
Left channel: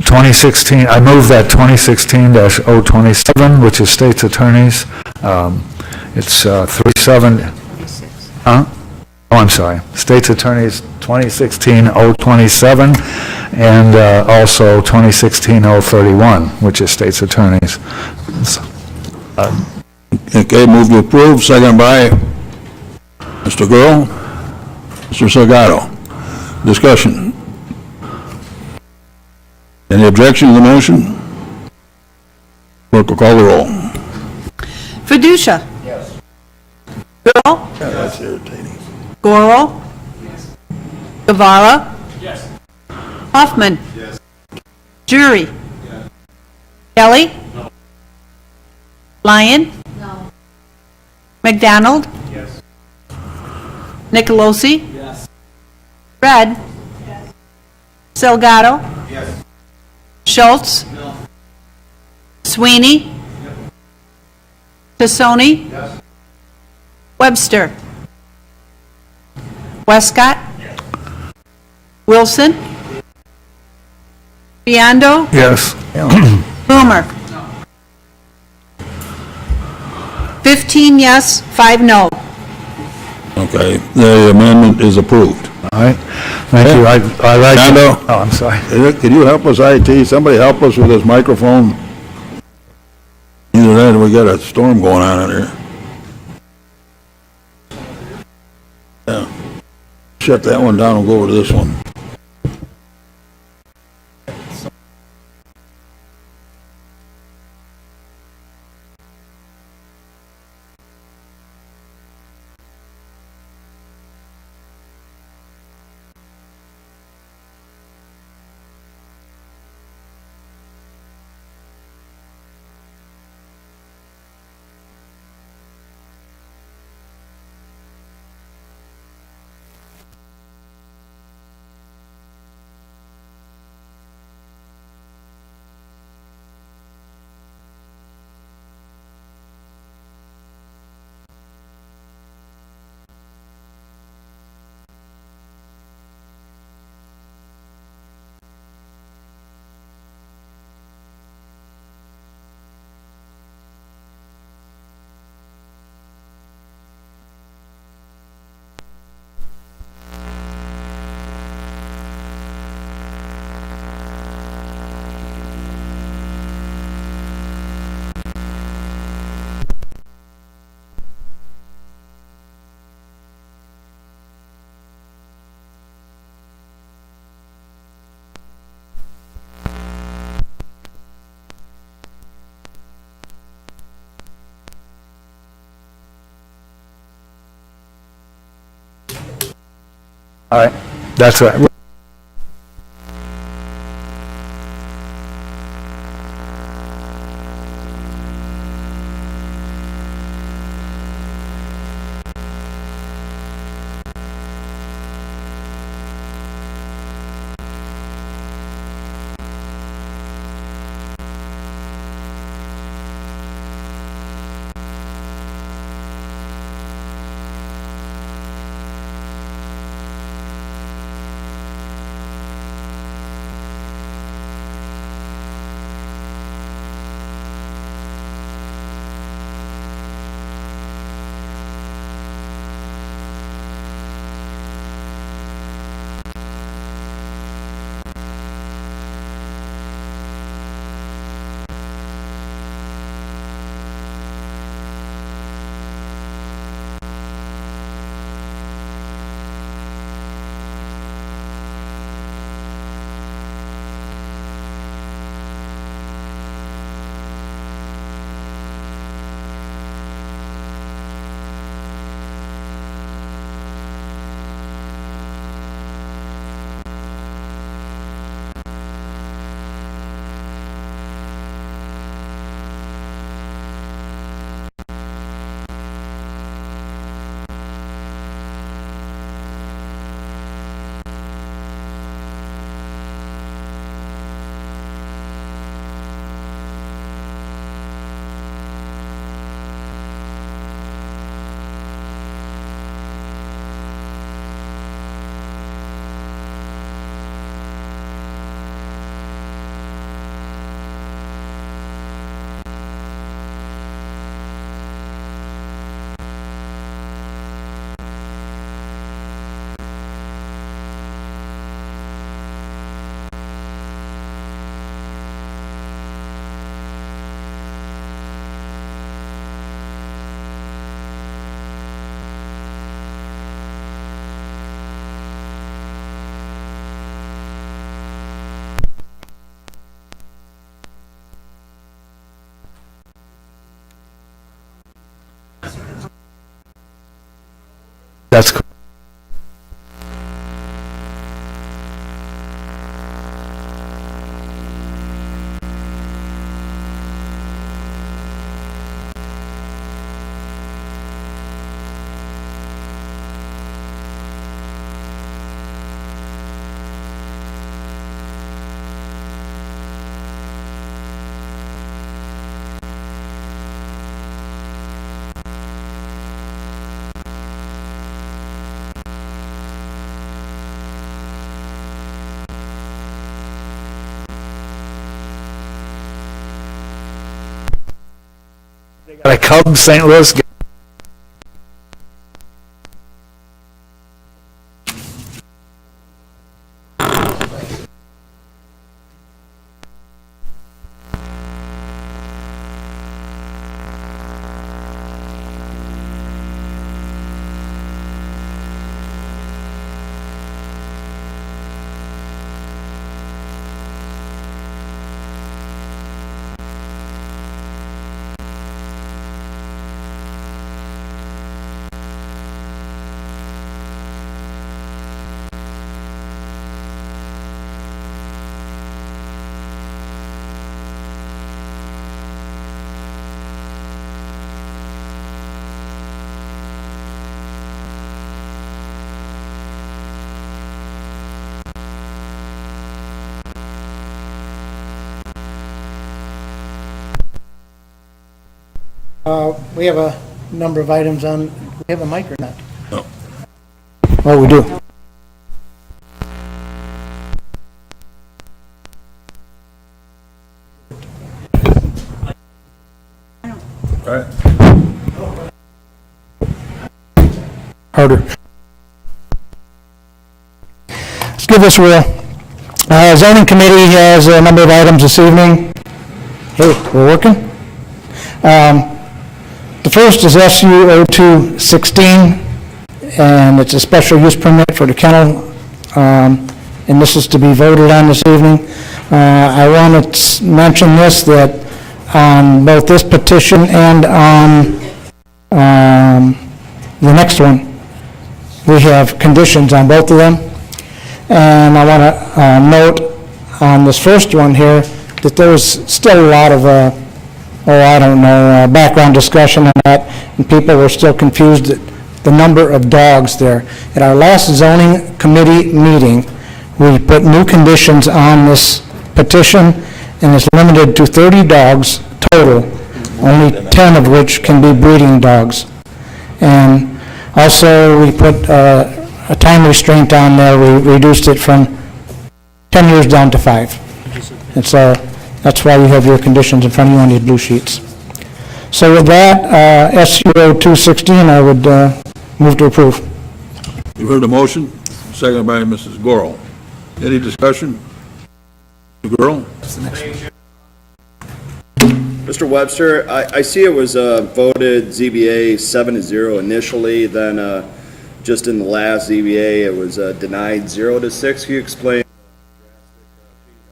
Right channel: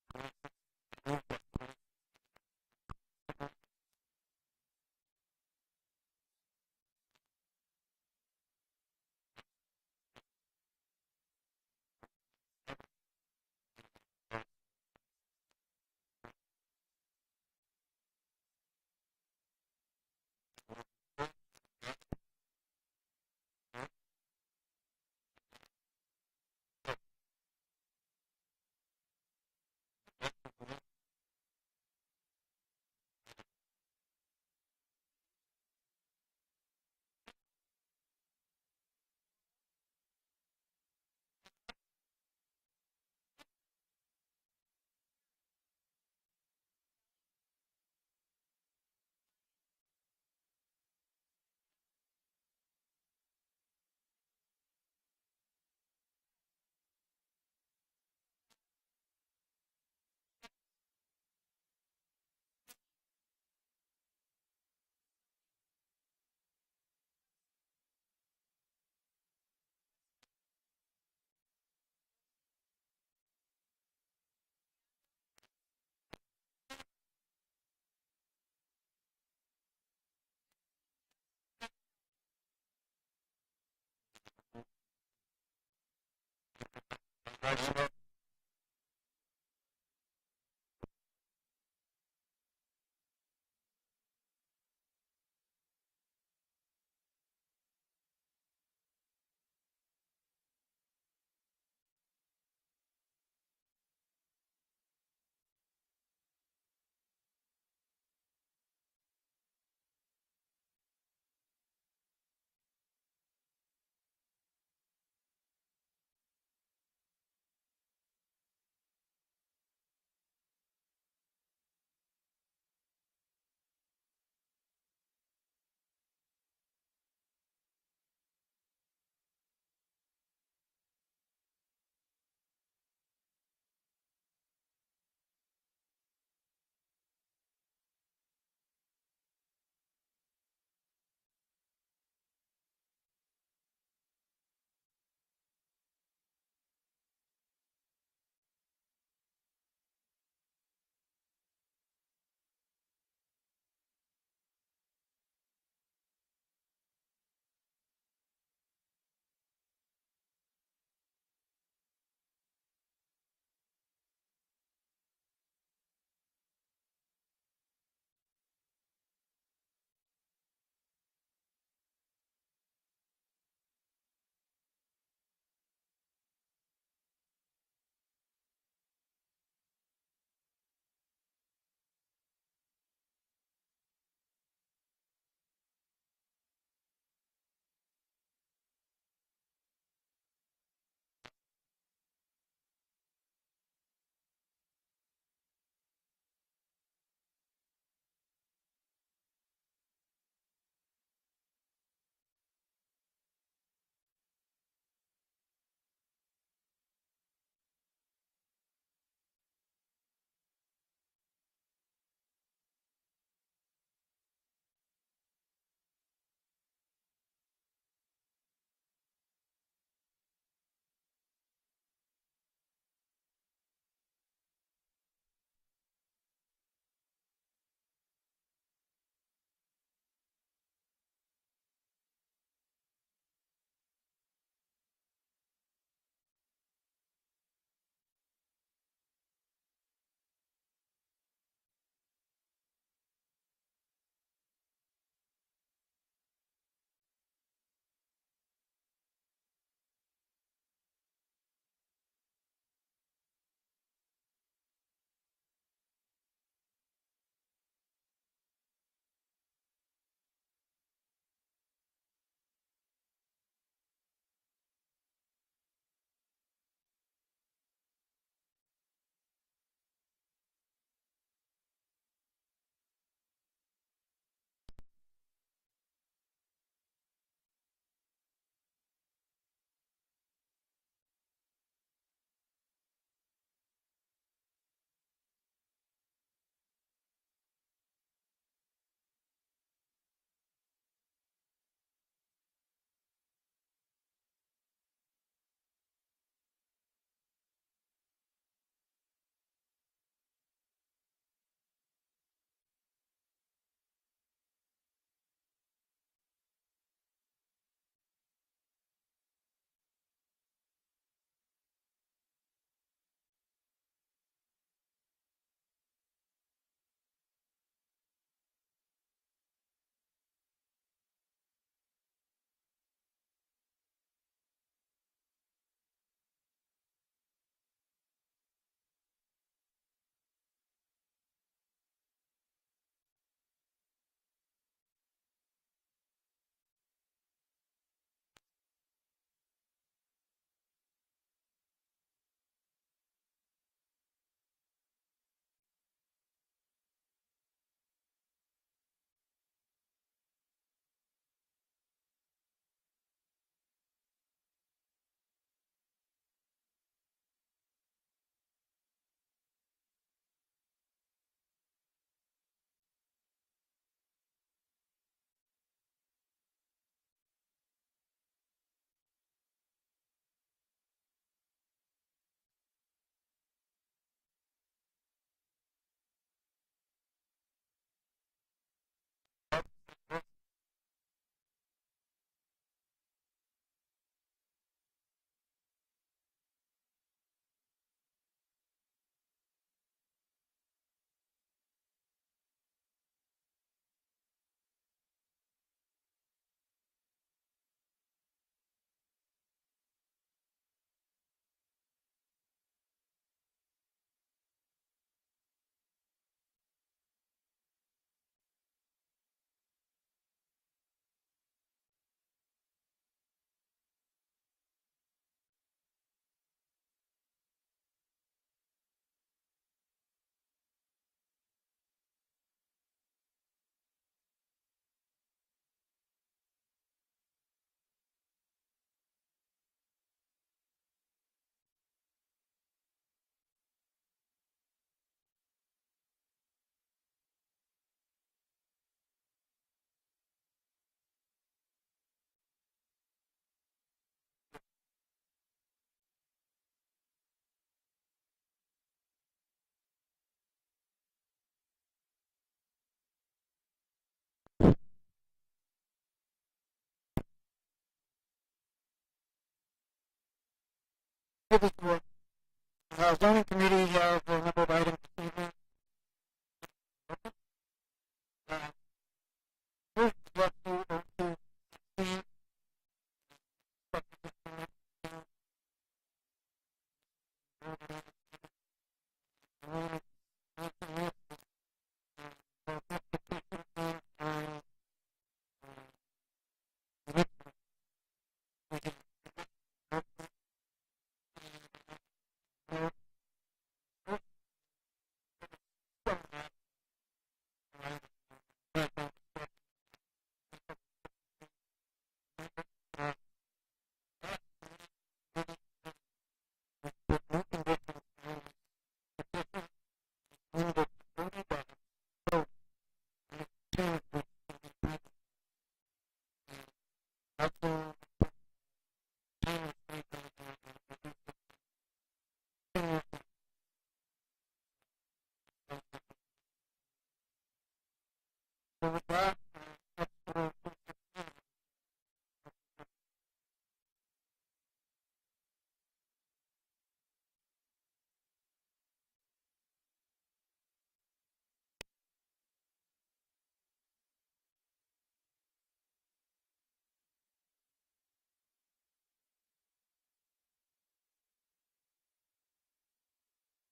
2016, I move that 2016-027, which is state's attorneys. It's 37, huh? Oh, I'm sorry, state's attorneys 2016-027, and also 2016-031, which is state's attorneys. Okay, move to approve, second by Mr. Gurl. Mr. Salgado. Discussion. Any objection to the motion? Clerk will call the roll. Fiducia. Yes. Gurl. That's irritating. Goro. Yes. Guevara. Yes. Hoffman. Yes. Jury. Yes. Kelly. No. Lyon. No. McDonald. Yes. Nicolosi. Yes. Red. Yes. Salgado. Yes. Schultz. No. Sweeney. Yep. Tassoni. Yes. Webster. Westcott. Yes. Wilson. Biondo. Yes. Boomer. 15 yes, 5 no. Okay, the amendment is approved. All right, thank you. I like to... Biondo? Oh, I'm sorry. Can you help us, IT? Somebody help us with this microphone? Either that or we got a storm going on in here. Yeah. Shut that one down and go over to this one. All right, that's right. That's correct. Got a Cubs St. Louis game. We have a number of items on, we have a mic or not? No. Oh, we do. Right. Harder. Let's give this a whirl. Zoning Committee has a number of items this evening. Hey, we're working? The first is SU 0216, and it's a special use permit for the kennel, and this is to be voted on this evening. I want to mention this, that on both this petition and on the next one, we have conditions on both of them. And I want to note on this first one here that there was still a lot of background discussion on that, and people were still confused at the number of dogs there. At our last zoning committee meeting, we put new conditions on this petition, and it's limited to 30 dogs total, only 10 of which can be breeding dogs. And also, we put a time restraint on there. We reduced it from 10 years down to 5. And so that's why you have your conditions in front of you on these blue sheets. So with that, SU 0216, I would move to approve. You heard the motion, seconded by Mrs. Gorel. Any discussion? Mr. Gorel? Mr. Webster, I see it was voted ZBA 7-0 initially, then just in the last ZBA, it was denied 0-6. Can you explain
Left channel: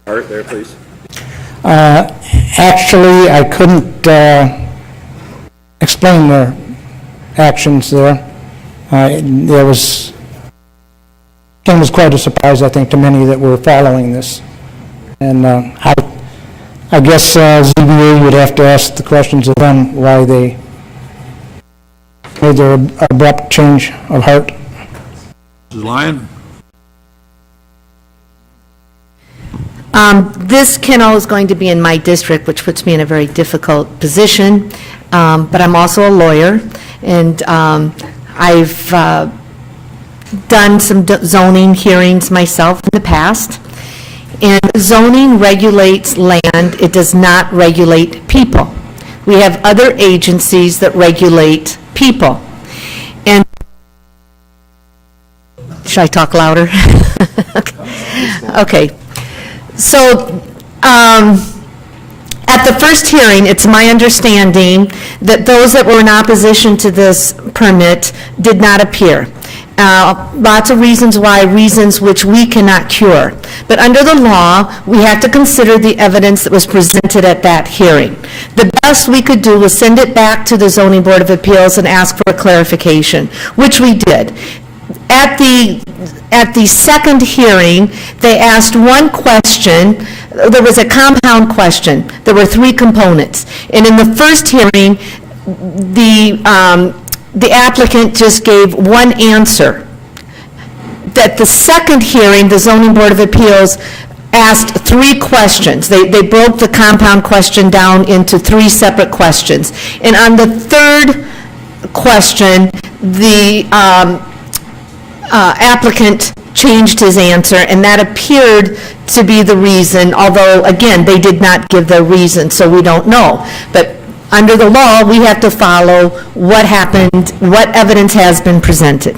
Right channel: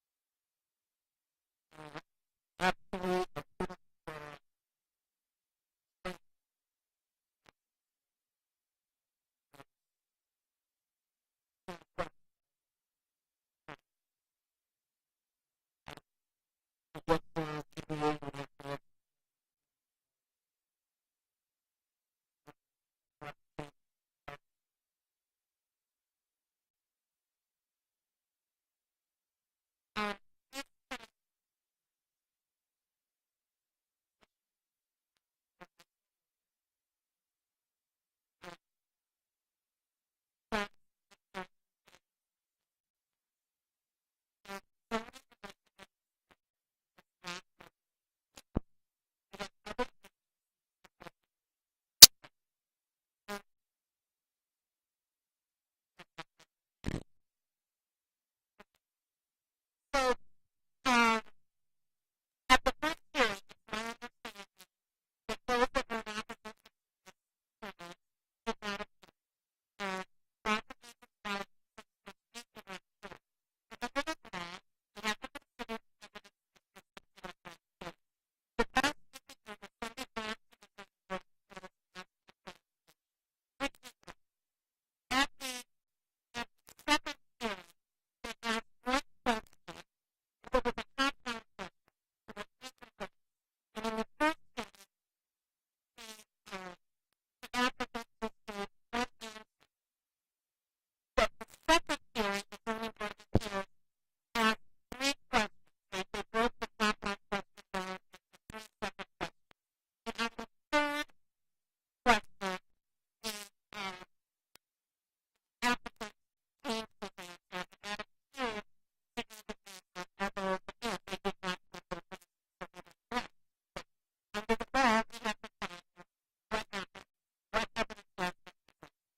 part there, please? Actually, I couldn't explain their actions there. It was quite a surprise, I think, to many that were following this. And I guess ZBA would have to ask the questions of them why they made their abrupt change of heart. Mrs. Lyon? This kennel is going to be in my district, which puts me in a very difficult position, but I'm also a lawyer, and I've done some zoning hearings myself in the past, and zoning regulates land, it does not regulate people. We have other agencies that regulate people. And should I talk louder? Okay. So, at the first hearing, it's my understanding that those that were in opposition to this permit did not appear. lots of reasons why, reasons which we cannot cure. But under the law, we have to consider the evidence that was presented at that hearing. The best we could do was send it back to the Zoning Board of Appeals and ask for a clarification, which we did. At the second hearing, they asked one question. There was a compound question. There were 3 components. And in the first hearing, the applicant just gave one answer. At the second hearing, the Zoning Board of Appeals asked 3 questions. They broke the compound question down into 3 separate questions. And on the third question, the applicant changed his answer, and that appeared to be the reason, although, again, they did not give their reason, so we don't know. But under the law, we have to follow what happened, what evidence has been presented.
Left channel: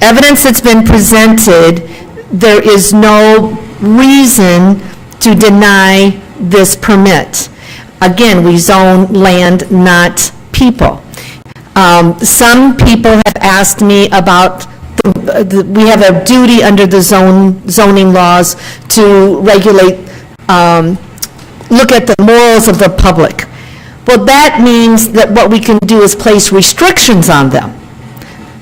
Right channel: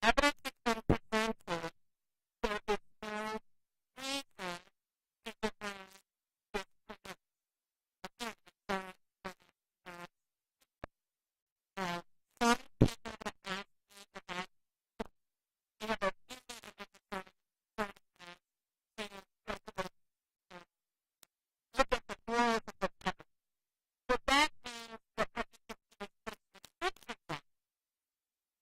Evidence that's been presented, there is no reason to deny this permit. Again, we zone land, not people. Some people have asked me about we have a duty under the zoning laws to regulate, look at the morals of the public. Well, that means that what we can do is place restrictions on them.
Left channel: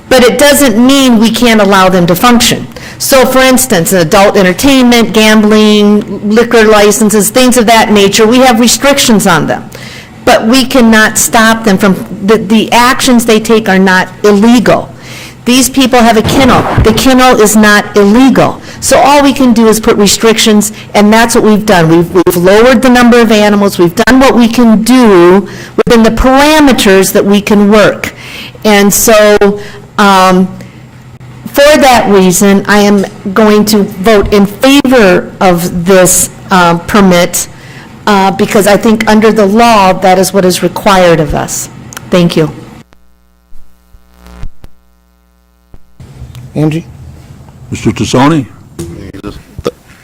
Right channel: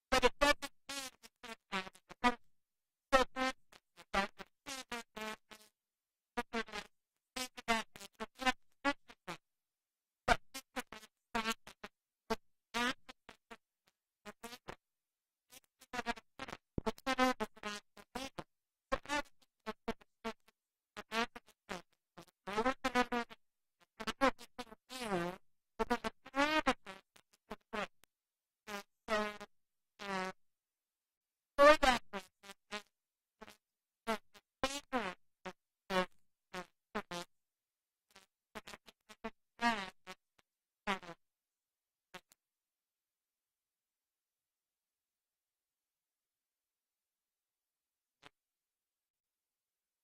But it doesn't mean we can't allow them to function. So, for instance, adult entertainment, gambling, liquor licenses, things of that nature, we have restrictions on them. But we cannot stop them from, the actions they take are not illegal. These people have a kennel. The kennel is not illegal. So all we can do is put restrictions, and that's what we've done. We've lowered the number of animals. We've done what we can do within the parameters that we can work. And so for that reason, I am going to vote in favor of this permit because I think under the law, that is what is required of us. Thank you. Angie? Mr. Tassoni?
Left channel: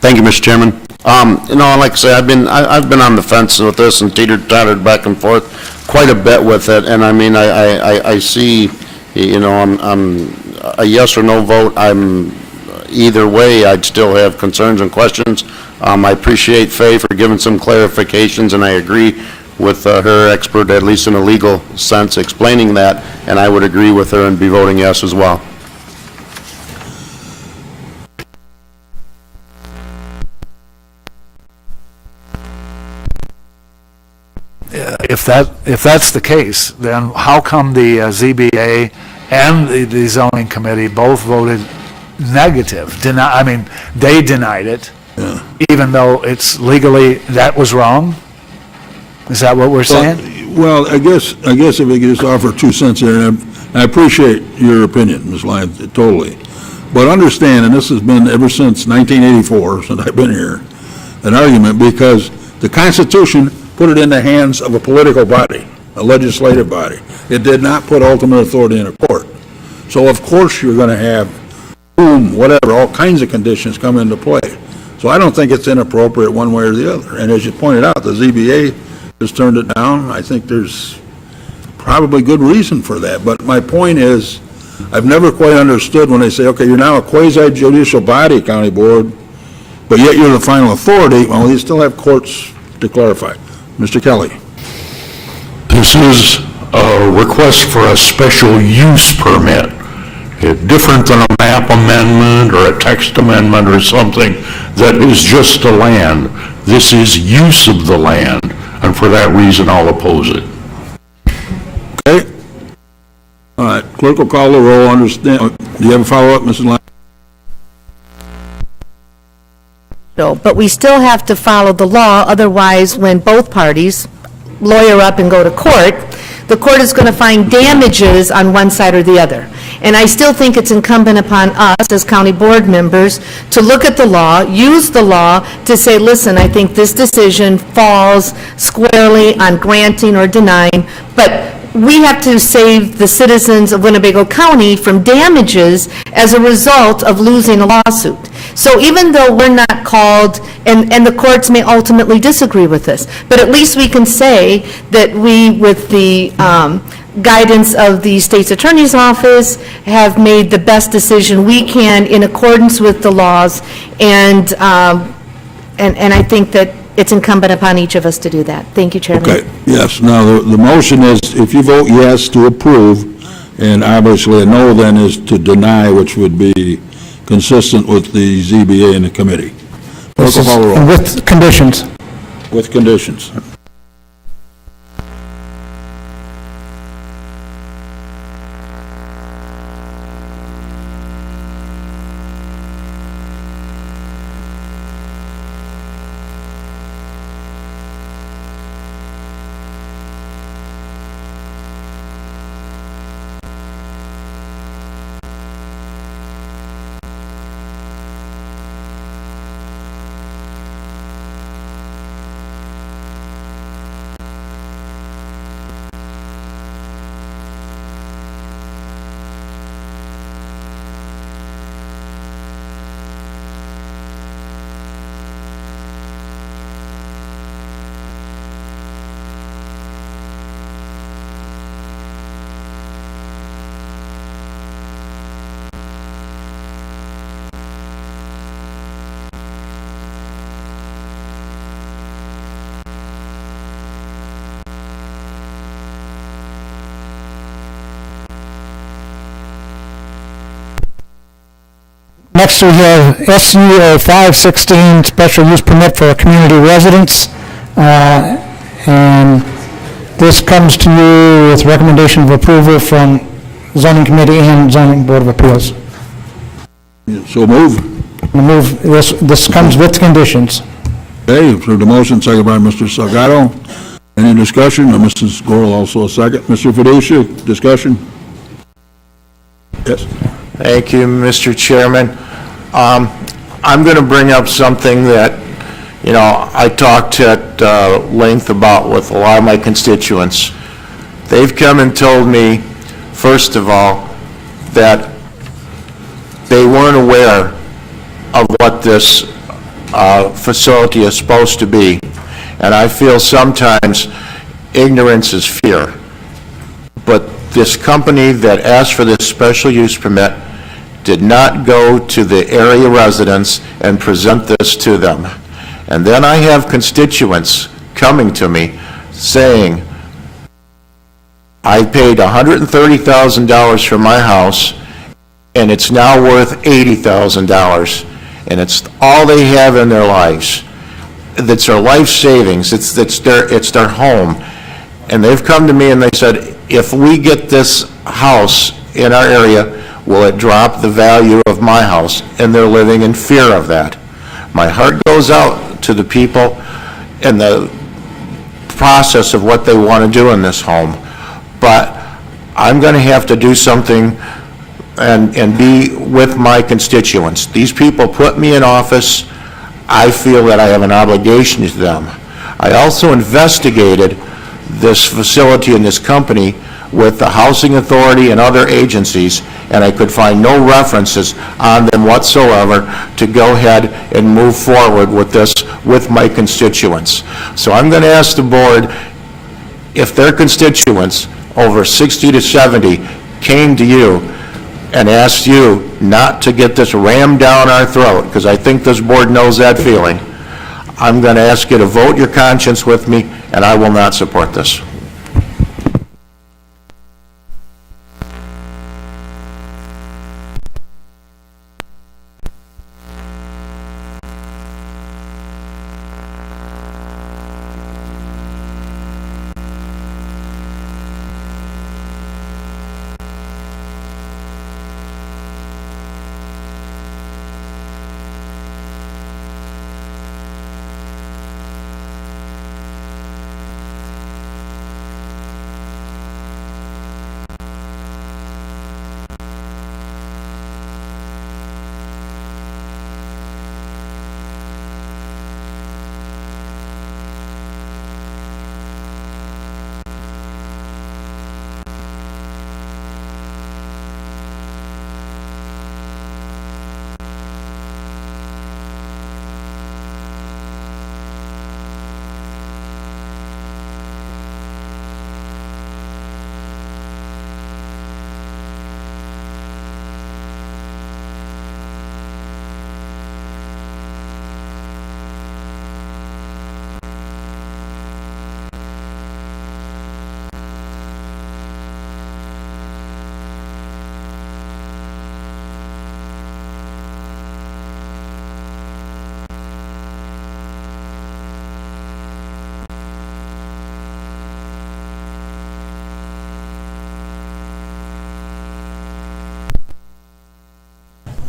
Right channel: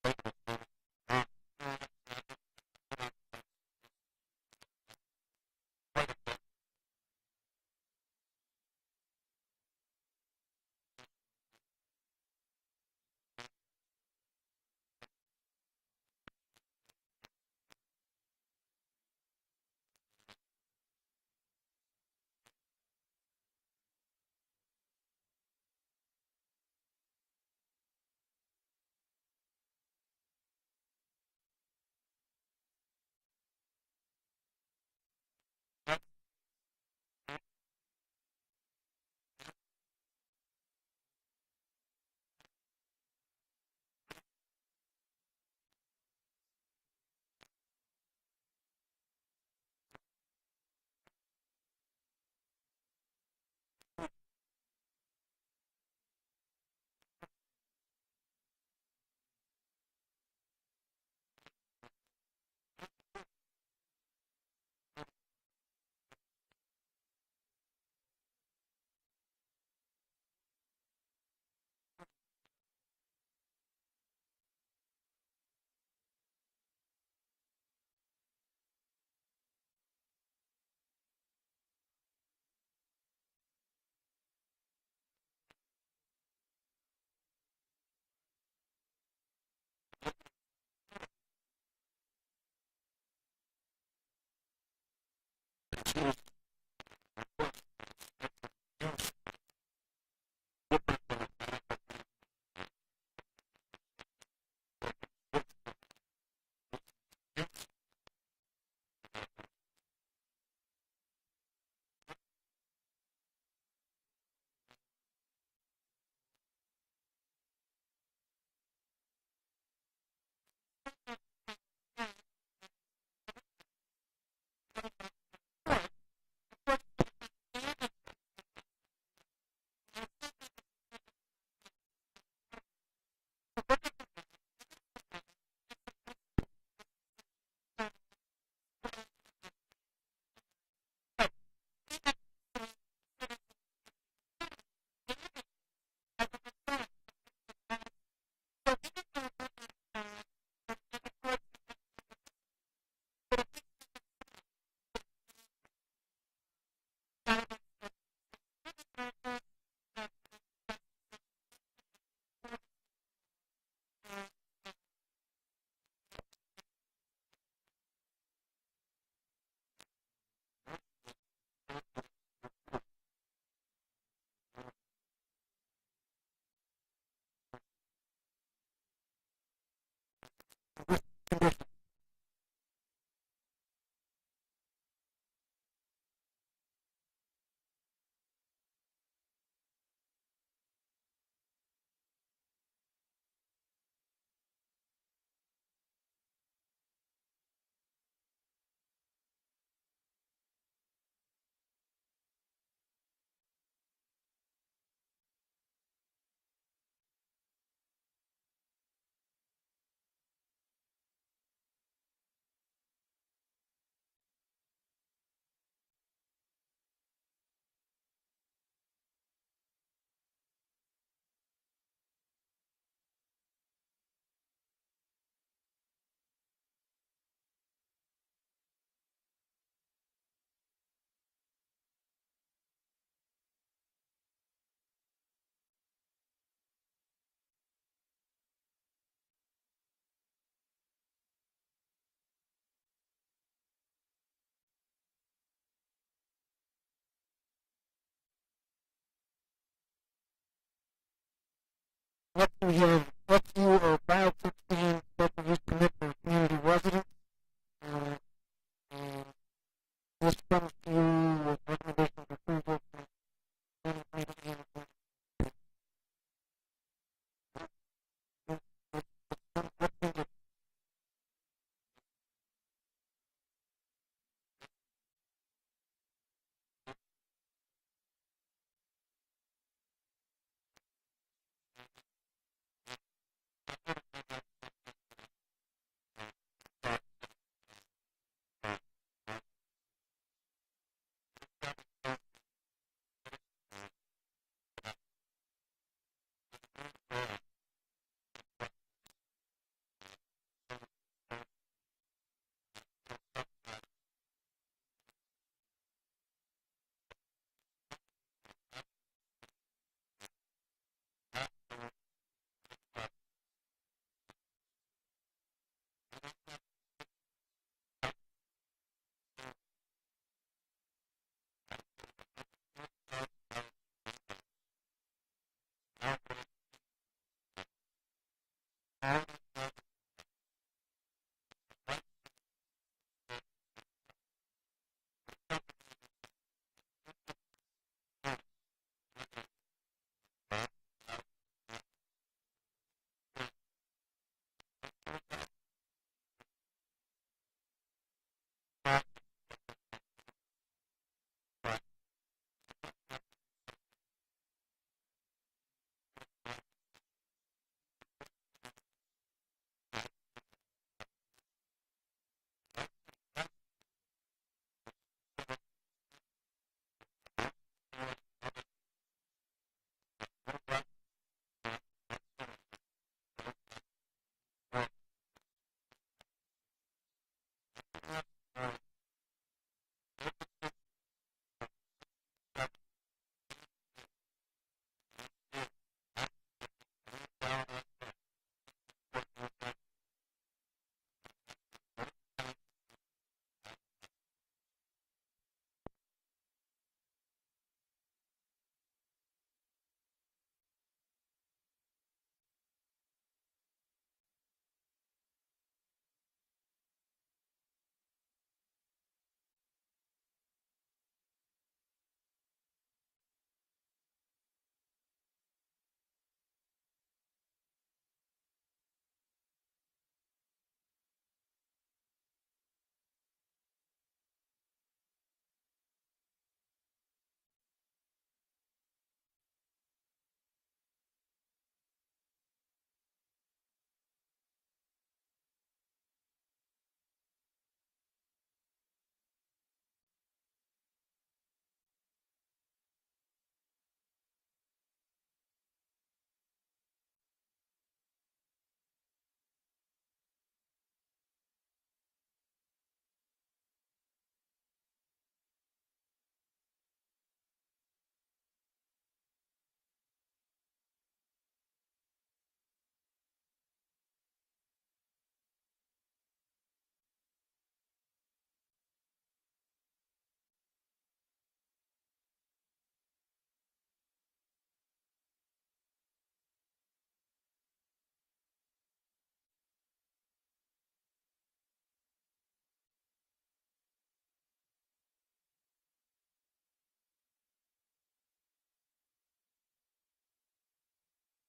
Thank you, Mr. Chairman. Like I say, I've been on the fence with this and teeter-tottered back and forth quite a bit with it, and I mean, I see, I'm a yes or no vote. I'm either way, I'd still have concerns and questions. I appreciate Faye for giving some clarifications, and I agree with her expert, at least in a legal sense, explaining that, and I would agree with her and be voting yes as well. If that's the case, then how come the ZBA and the zoning committee both voted negative? They denied it, even though it's legally, that was wrong? Is that what we're saying? Well, I guess if we could just offer 2 cents here, and I appreciate your opinion, Ms. Lyons, totally. But understand, and this has been ever since 1984, since I've been here, an argument, because the Constitution put it in the hands of a political body, a legislative body. It did not put ultimate authority in a court. So of course you're going to have, whatever, all kinds of conditions come into play. So I don't think it's inappropriate one way or the other. And as you pointed out, the ZBA has turned it down. I think there's probably good reason for that. But my point is, I've never quite understood when they say, okay, you're now a quasi-judicial body, county board, but yet you're the final authority. Well, you still have courts to clarify. Mr. Kelly. This is a request for a special use permit. It's different than a map amendment or a text amendment or something that is just the land. This is use of the land, and for that reason, I'll oppose it. Okay. All right, clerk will call the roll. Understand? Do you have a follow-up, Mrs. Lyons? But we still have to follow the law, otherwise, when both parties lawyer up and go to court, the court is going to find damages on one side or the other. And I still think it's incumbent upon us as county board members to look at the law, use the law to say, listen, I think this decision falls squarely on granting or denying, but we have to save the citizens of Winnebago County from damages as a result of losing a lawsuit. So even though we're not called, and the courts may ultimately disagree with this, but at least we can say that we, with the guidance of the state's attorney's office, have made the best decision we can in accordance with the laws, and I think that it's incumbent upon each of us to do that. Thank you, Chairman. Okay, yes, now, the motion is, if you vote yes to approve, and obviously a no then is to deny, which would be consistent with the ZBA and the committee. Clerk will call the roll. And with conditions. With conditions. Next, we have SU 516, special use permit for a community residence. And this comes to you with recommendation of approval from zoning committee and zoning board of appeals. So move. This comes with conditions. Okay, for the motion, second by Mr. Salgado. Any discussion? Or Mrs. Gorel also a second. Mr. Fiducia, discussion? Yes. Thank you, Mr. Chairman. I'm going to bring up something that, you know, I talked at length about with a lot of my constituents. They've come and told me, first of all, that they weren't aware of what this facility is supposed to be. And I feel sometimes ignorance is fear. But this company that asked for this special use permit did not go to the area residents and present this to them. And then I have constituents coming to me saying, I paid $130,000 for my house, and it's now worth $80,000, and it's all they have in their lives. It's their life savings, it's their home. And they've come to me and they said, if we get this house in our area, will it drop the value of my house? And they're living in fear of that. My heart goes out to the people and the process of what they want to do in this home. But I'm going to have to do something and be with my constituents. These people put me in office. I feel that I have an obligation to them. I also investigated this facility and this company with the Housing Authority and other agencies, and I could find no references on them whatsoever to go ahead and move forward with this with my constituents. So I'm going to ask the board, if their constituents, over 60 to 70, came to you and asked you not to get this rammed down our throat, because I think this board knows that feeling, I'm going to ask you to vote your conscience with me, and I will not support this.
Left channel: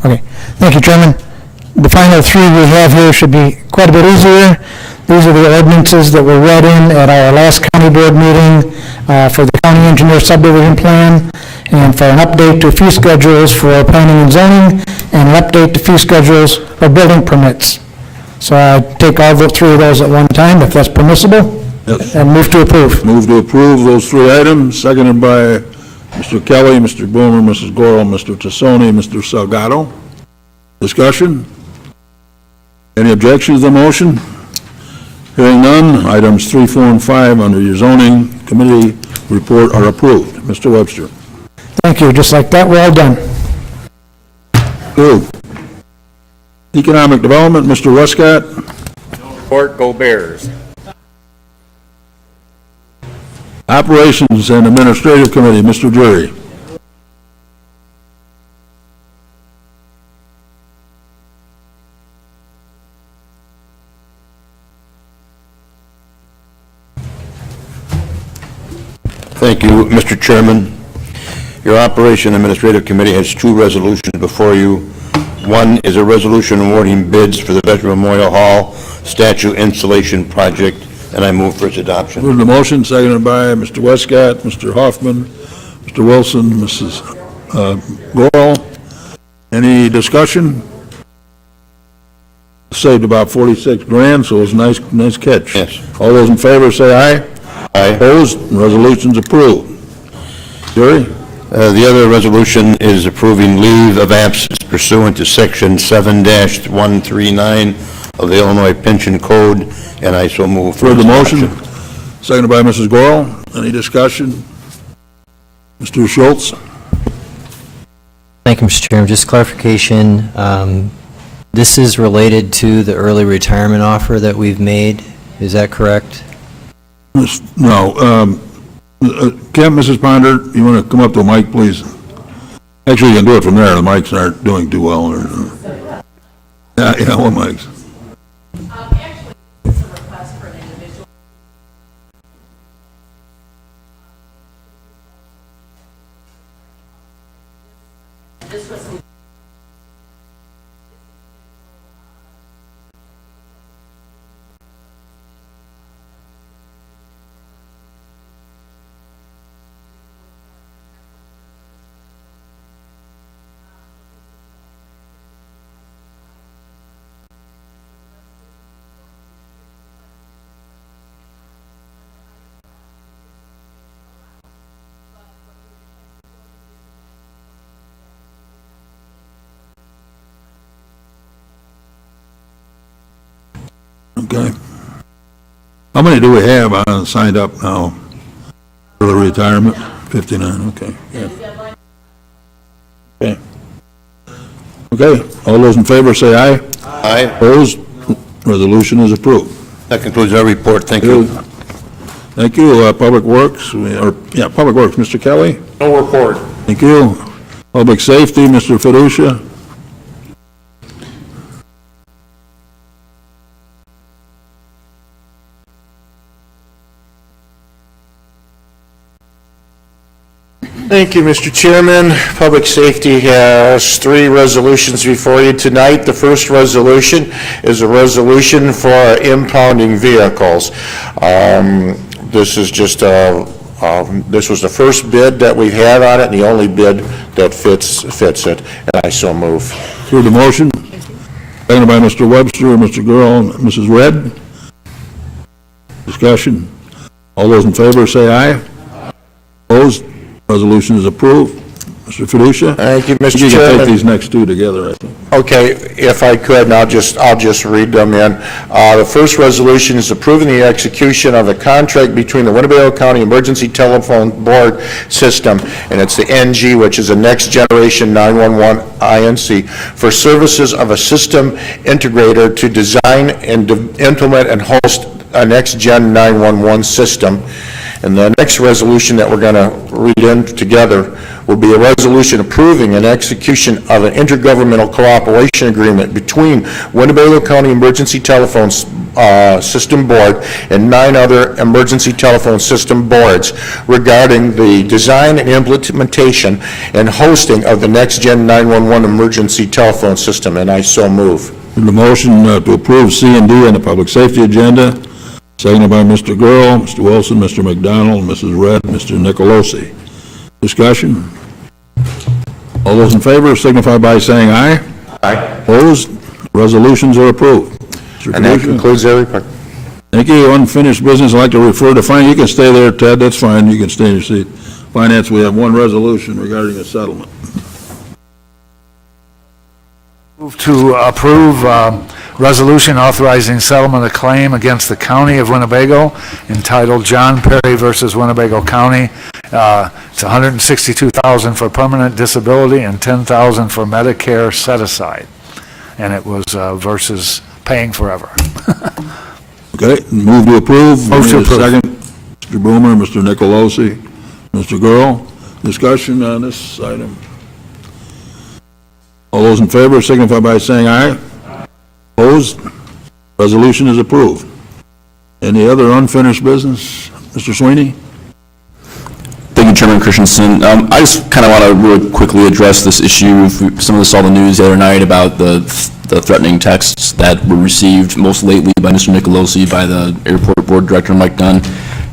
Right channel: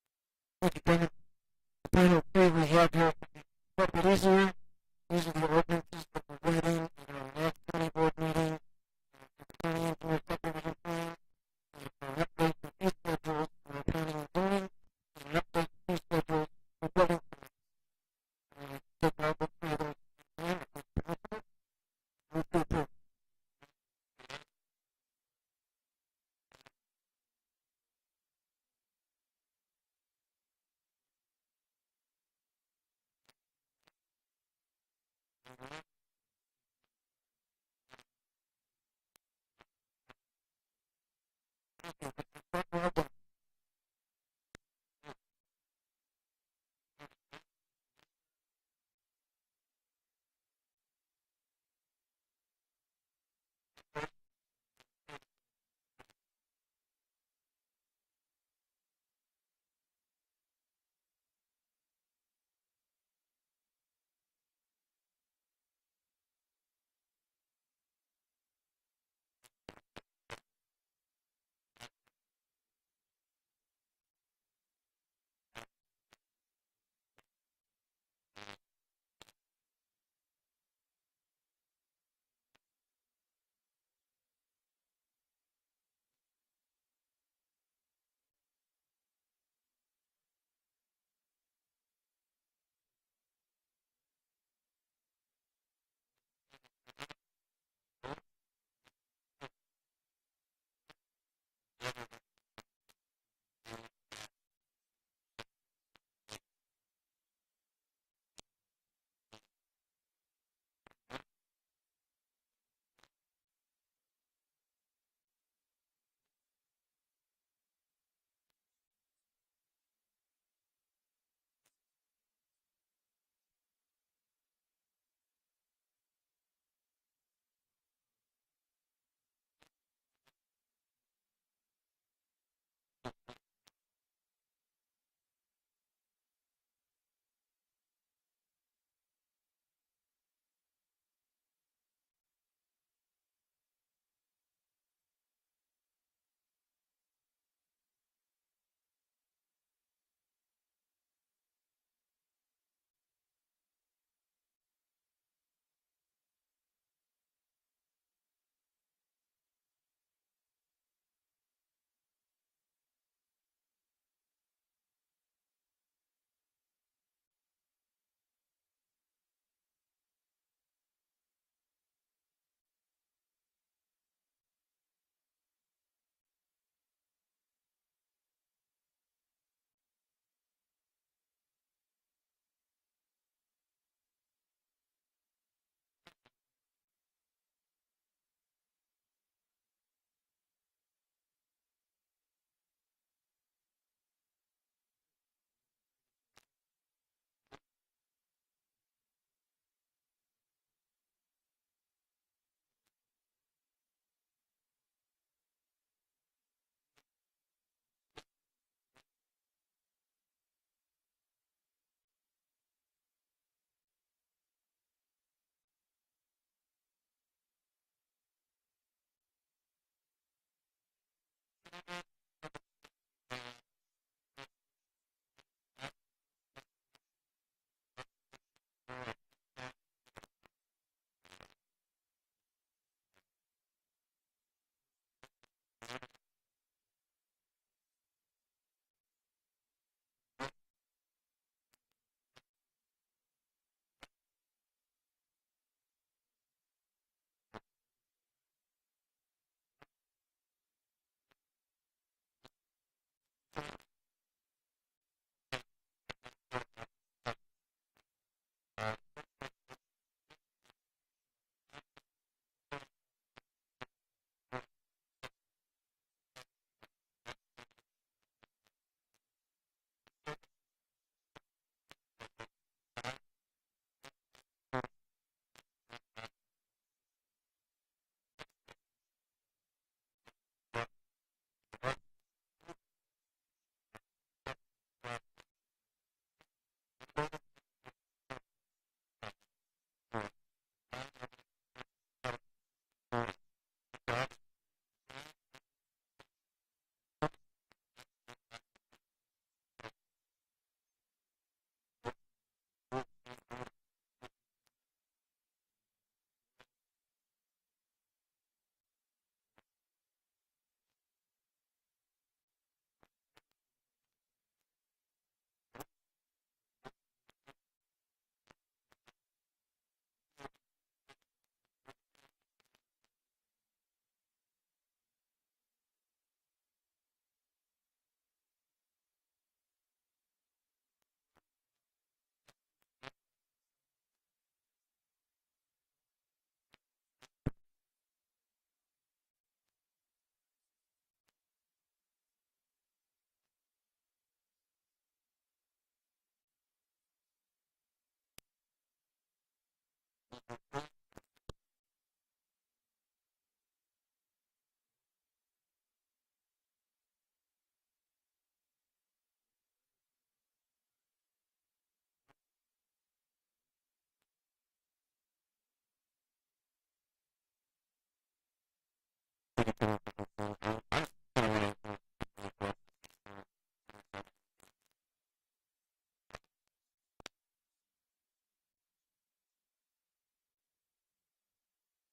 Okay, thank you, Chairman. The final three we have here should be quite a bit easier. These are the ordinances that were read in at our last county board meeting for the county engineer subdivision plan, and for an update to fee schedules for planning and zoning, and an update to fee schedules for building permits. So I take all three of those at one time, if that's permissible. Yes. And move to approve. Move to approve those three items, seconded by Mr. Kelly, Mr. Boomer, Mrs. Gorel, Mr. Tassoni, Mr. Salgado. Discussion? Any objections to the motion? Hearing none, items 3, 4, and 5 under your zoning committee report are approved. Mr. Webster. Thank you, just like that, we're all done. Good. Economic Development, Mr. Westcott. Report, go Bears. Operations and Administrative Committee, Mr. Drury. Thank you, Mr. Chairman. Your Operation Administrative Committee has two resolutions before you. One is a resolution awarding bids for the Veteran Memorial Hall statue installation project, and I move for its adoption. Move the motion, seconded by Mr. Westcott, Mr. Hoffman, Mr. Wilson, Mrs. Gorel. Any discussion? Saved about 46 grand, so it's a nice catch. Yes. All those in favor say aye. Aye. Opposed? Resolution's approved. Jerry? The other resolution is approving leave of absence pursuant to Section 7-139 of the Illinois Pension Code, and I so move for Heard its the motion, adoption. seconded by Mrs. Gorel. Any discussion? Mr. Schultz? Thank you, Mr. Chairman. Just clarification, this is related to the early retirement offer that we've made. Is that correct? No. Kemp, Mrs. Ponder, you want to come up to the mic, please? Actually, you can do it from there. The mics aren't doing too well. Yeah, what mics? Actually, it's a request for an individual. This was Okay. How many do we have signed up now? Early retirement? 59, okay. Yeah. Okay. Okay, all those in favor say aye. Aye. Opposed? Resolution is approved. That concludes our report. Thank you. Thank you. Public Works, Public Works, Mr. Kelly? No report. Thank you. Public Safety, Mr. Fiducia? Thank you, Mr. Chairman. Public Safety has three resolutions before you tonight. The first resolution is a resolution for impounding vehicles. This is just this was the first bid that we've had on it, and the only bid that fits it, and I so move. Through the motion, seconded by Mr. Webster, Mr. Gurl, and Mrs. Red. Discussion. All those in favor say aye. Opposed? Resolution is approved. Mr. Fiducia? Thank you, Mr. You can Chairman. take these next two together, I think. Okay, if I could, and I'll just read them in. The first resolution is approving the execution of a contract between the Winnebago County Emergency Telephone Board System, and it's the NG, which is a Next Generation 911 INC, for services of a system integrator to design and implement and host a Next Gen 911 system. And the next resolution that we're going to read in together will be a resolution approving an execution of an intergovernmental cooperation agreement between Winnebago County Emergency Telephone System Board and 9 other emergency telephone system boards regarding the design and implementation and hosting of the next-gen 911 emergency telephone system, and I so move. The motion to approve C and D on the public safety agenda, seconded by Mr. Gurl, Mr. Wilson, Mr. McDonald, Mrs. Red, Mr. Nicolosi. Discussion? All those in favor signify by saying aye. Aye. Opposed? Resolutions are approved. Mr. And that Commissioner? concludes every part. Thank you. Unfinished business, I'd like to refer to finance. You can stay there, Ted, that's fine, you can stay in your seat. Finance, we have one resolution regarding a settlement. Move to approve resolution authorizing settlement of claim against the County of Winnebago entitled John Perry versus Winnebago County. It's $162,000 for permanent disability and $10,000 for Medicare set-aside. And it was versus paying forever. Okay, move to approve. Move to approve. Second, Mr. Boomer, Mr. Nicolosi, Mr. Gurl. Discussion on this item. All those in favor signify by saying aye. Opposed? Resolution is approved. Any other unfinished business? Mr. Sweeney? Thank you, Chairman Christensen. I just kind of want to really quickly address this issue. Some of us saw the news the other night about the threatening texts that were received most lately by Mr. Nicolosi, by the Airport Board Director, Mike Dunn.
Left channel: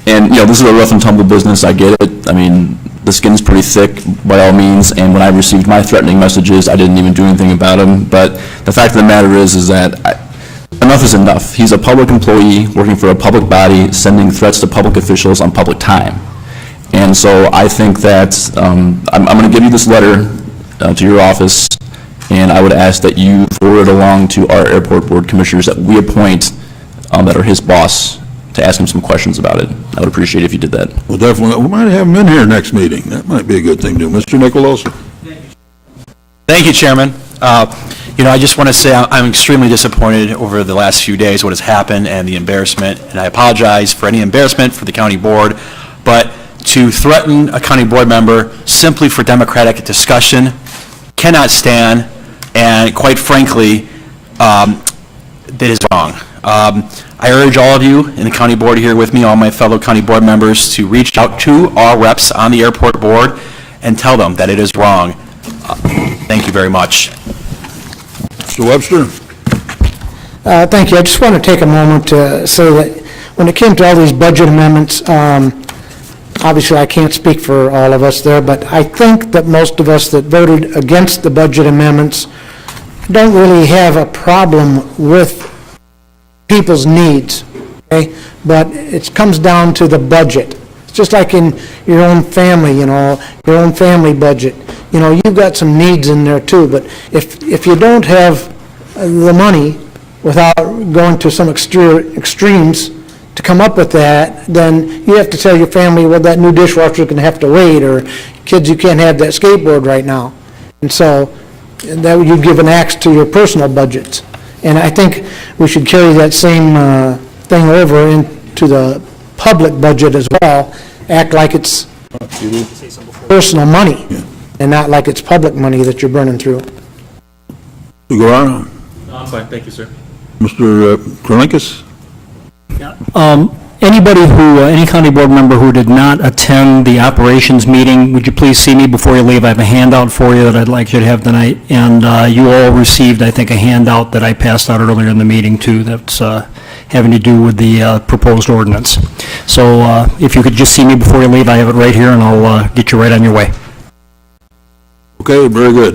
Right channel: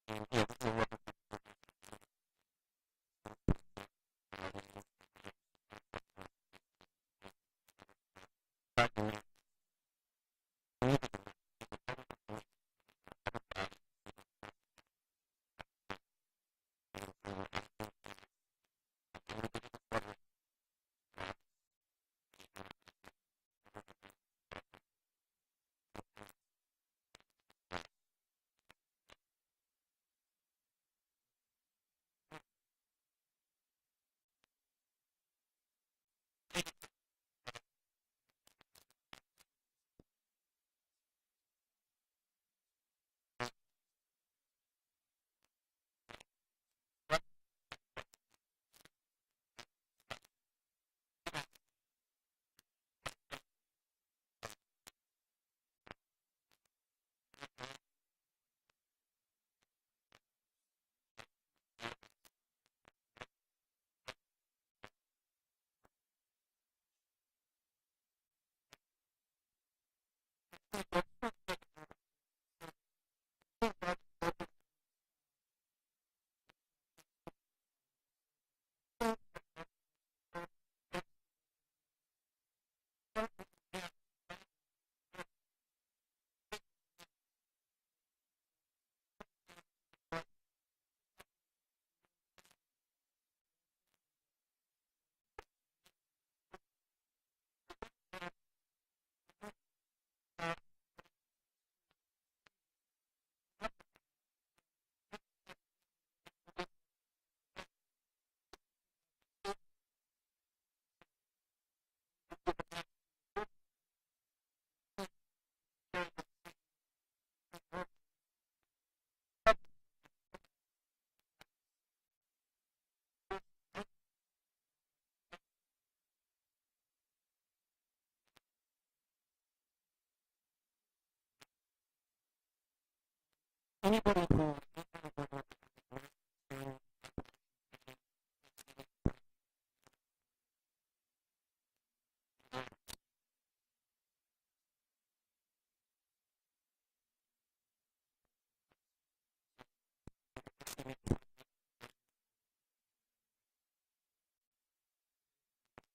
And, you know, this is a rough and tumble business. I get it. I mean, the skin's pretty thick by all means, and when I received my threatening messages, I didn't even do anything about them. But the fact of the matter is that enough is enough. He's a public employee working for a public body, sending threats to public officials on public time. And so I think that I'm going to give you this letter to your office, and I would ask that you forward it along to our airport board commissioners that we appoint that are his boss, to ask him some questions about it. I would appreciate it if you did that. Well, definitely. We might have him in here next meeting. That might be a good thing to do. Mr. Nicolosi? Thank you, Chairman. I just want to say I'm extremely disappointed over the last few days, what has happened and the embarrassment, and I apologize for any embarrassment for the county board, but to threaten a county board member simply for democratic discussion cannot stand, and quite frankly, that is wrong. I urge all of you in the county board here with me, all my fellow county board members, to reach out to our reps on the airport board and tell them that it is wrong. Thank you very much. Mr. Webster? Thank you. I just want to take a moment to say that when it came to all these budget amendments, obviously I can't speak for all of us there, but I think that most of us that voted against the budget amendments don't really have a problem with people's needs, okay? But it comes down to the budget. It's just like in your own family, your own family budget. You've got some needs in there too, but if you don't have the money without going to some extremes to come up with that, then you have to tell your family, well, that new dishwasher is going to have to wait, or kids, you can't have that skateboard right now. And so that would, you give an axe to your personal budgets. And I think we should carry that same thing over into the public budget as well, act like it's personal money and not like it's public money that you're burning through. Guerrero? No, I'm fine, thank you, sir. Mr. Krolinkus? Any county board member who did not attend the operations meeting, would you please see me before you leave? I have a handout for you that I'd like you to have tonight, and you all received, I think, a handout that I passed out earlier in the meeting, too, that's having to do with the proposed ordinance. So if you could just see me before you leave, I have it right here, and I'll get you right on your way. Okay, very good.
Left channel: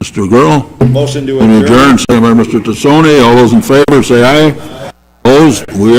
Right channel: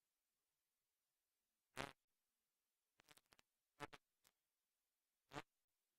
Mr. Gurl? Motion to adjourn. Second by Mr. Tassone. All those in favor, say aye. Opposed? We are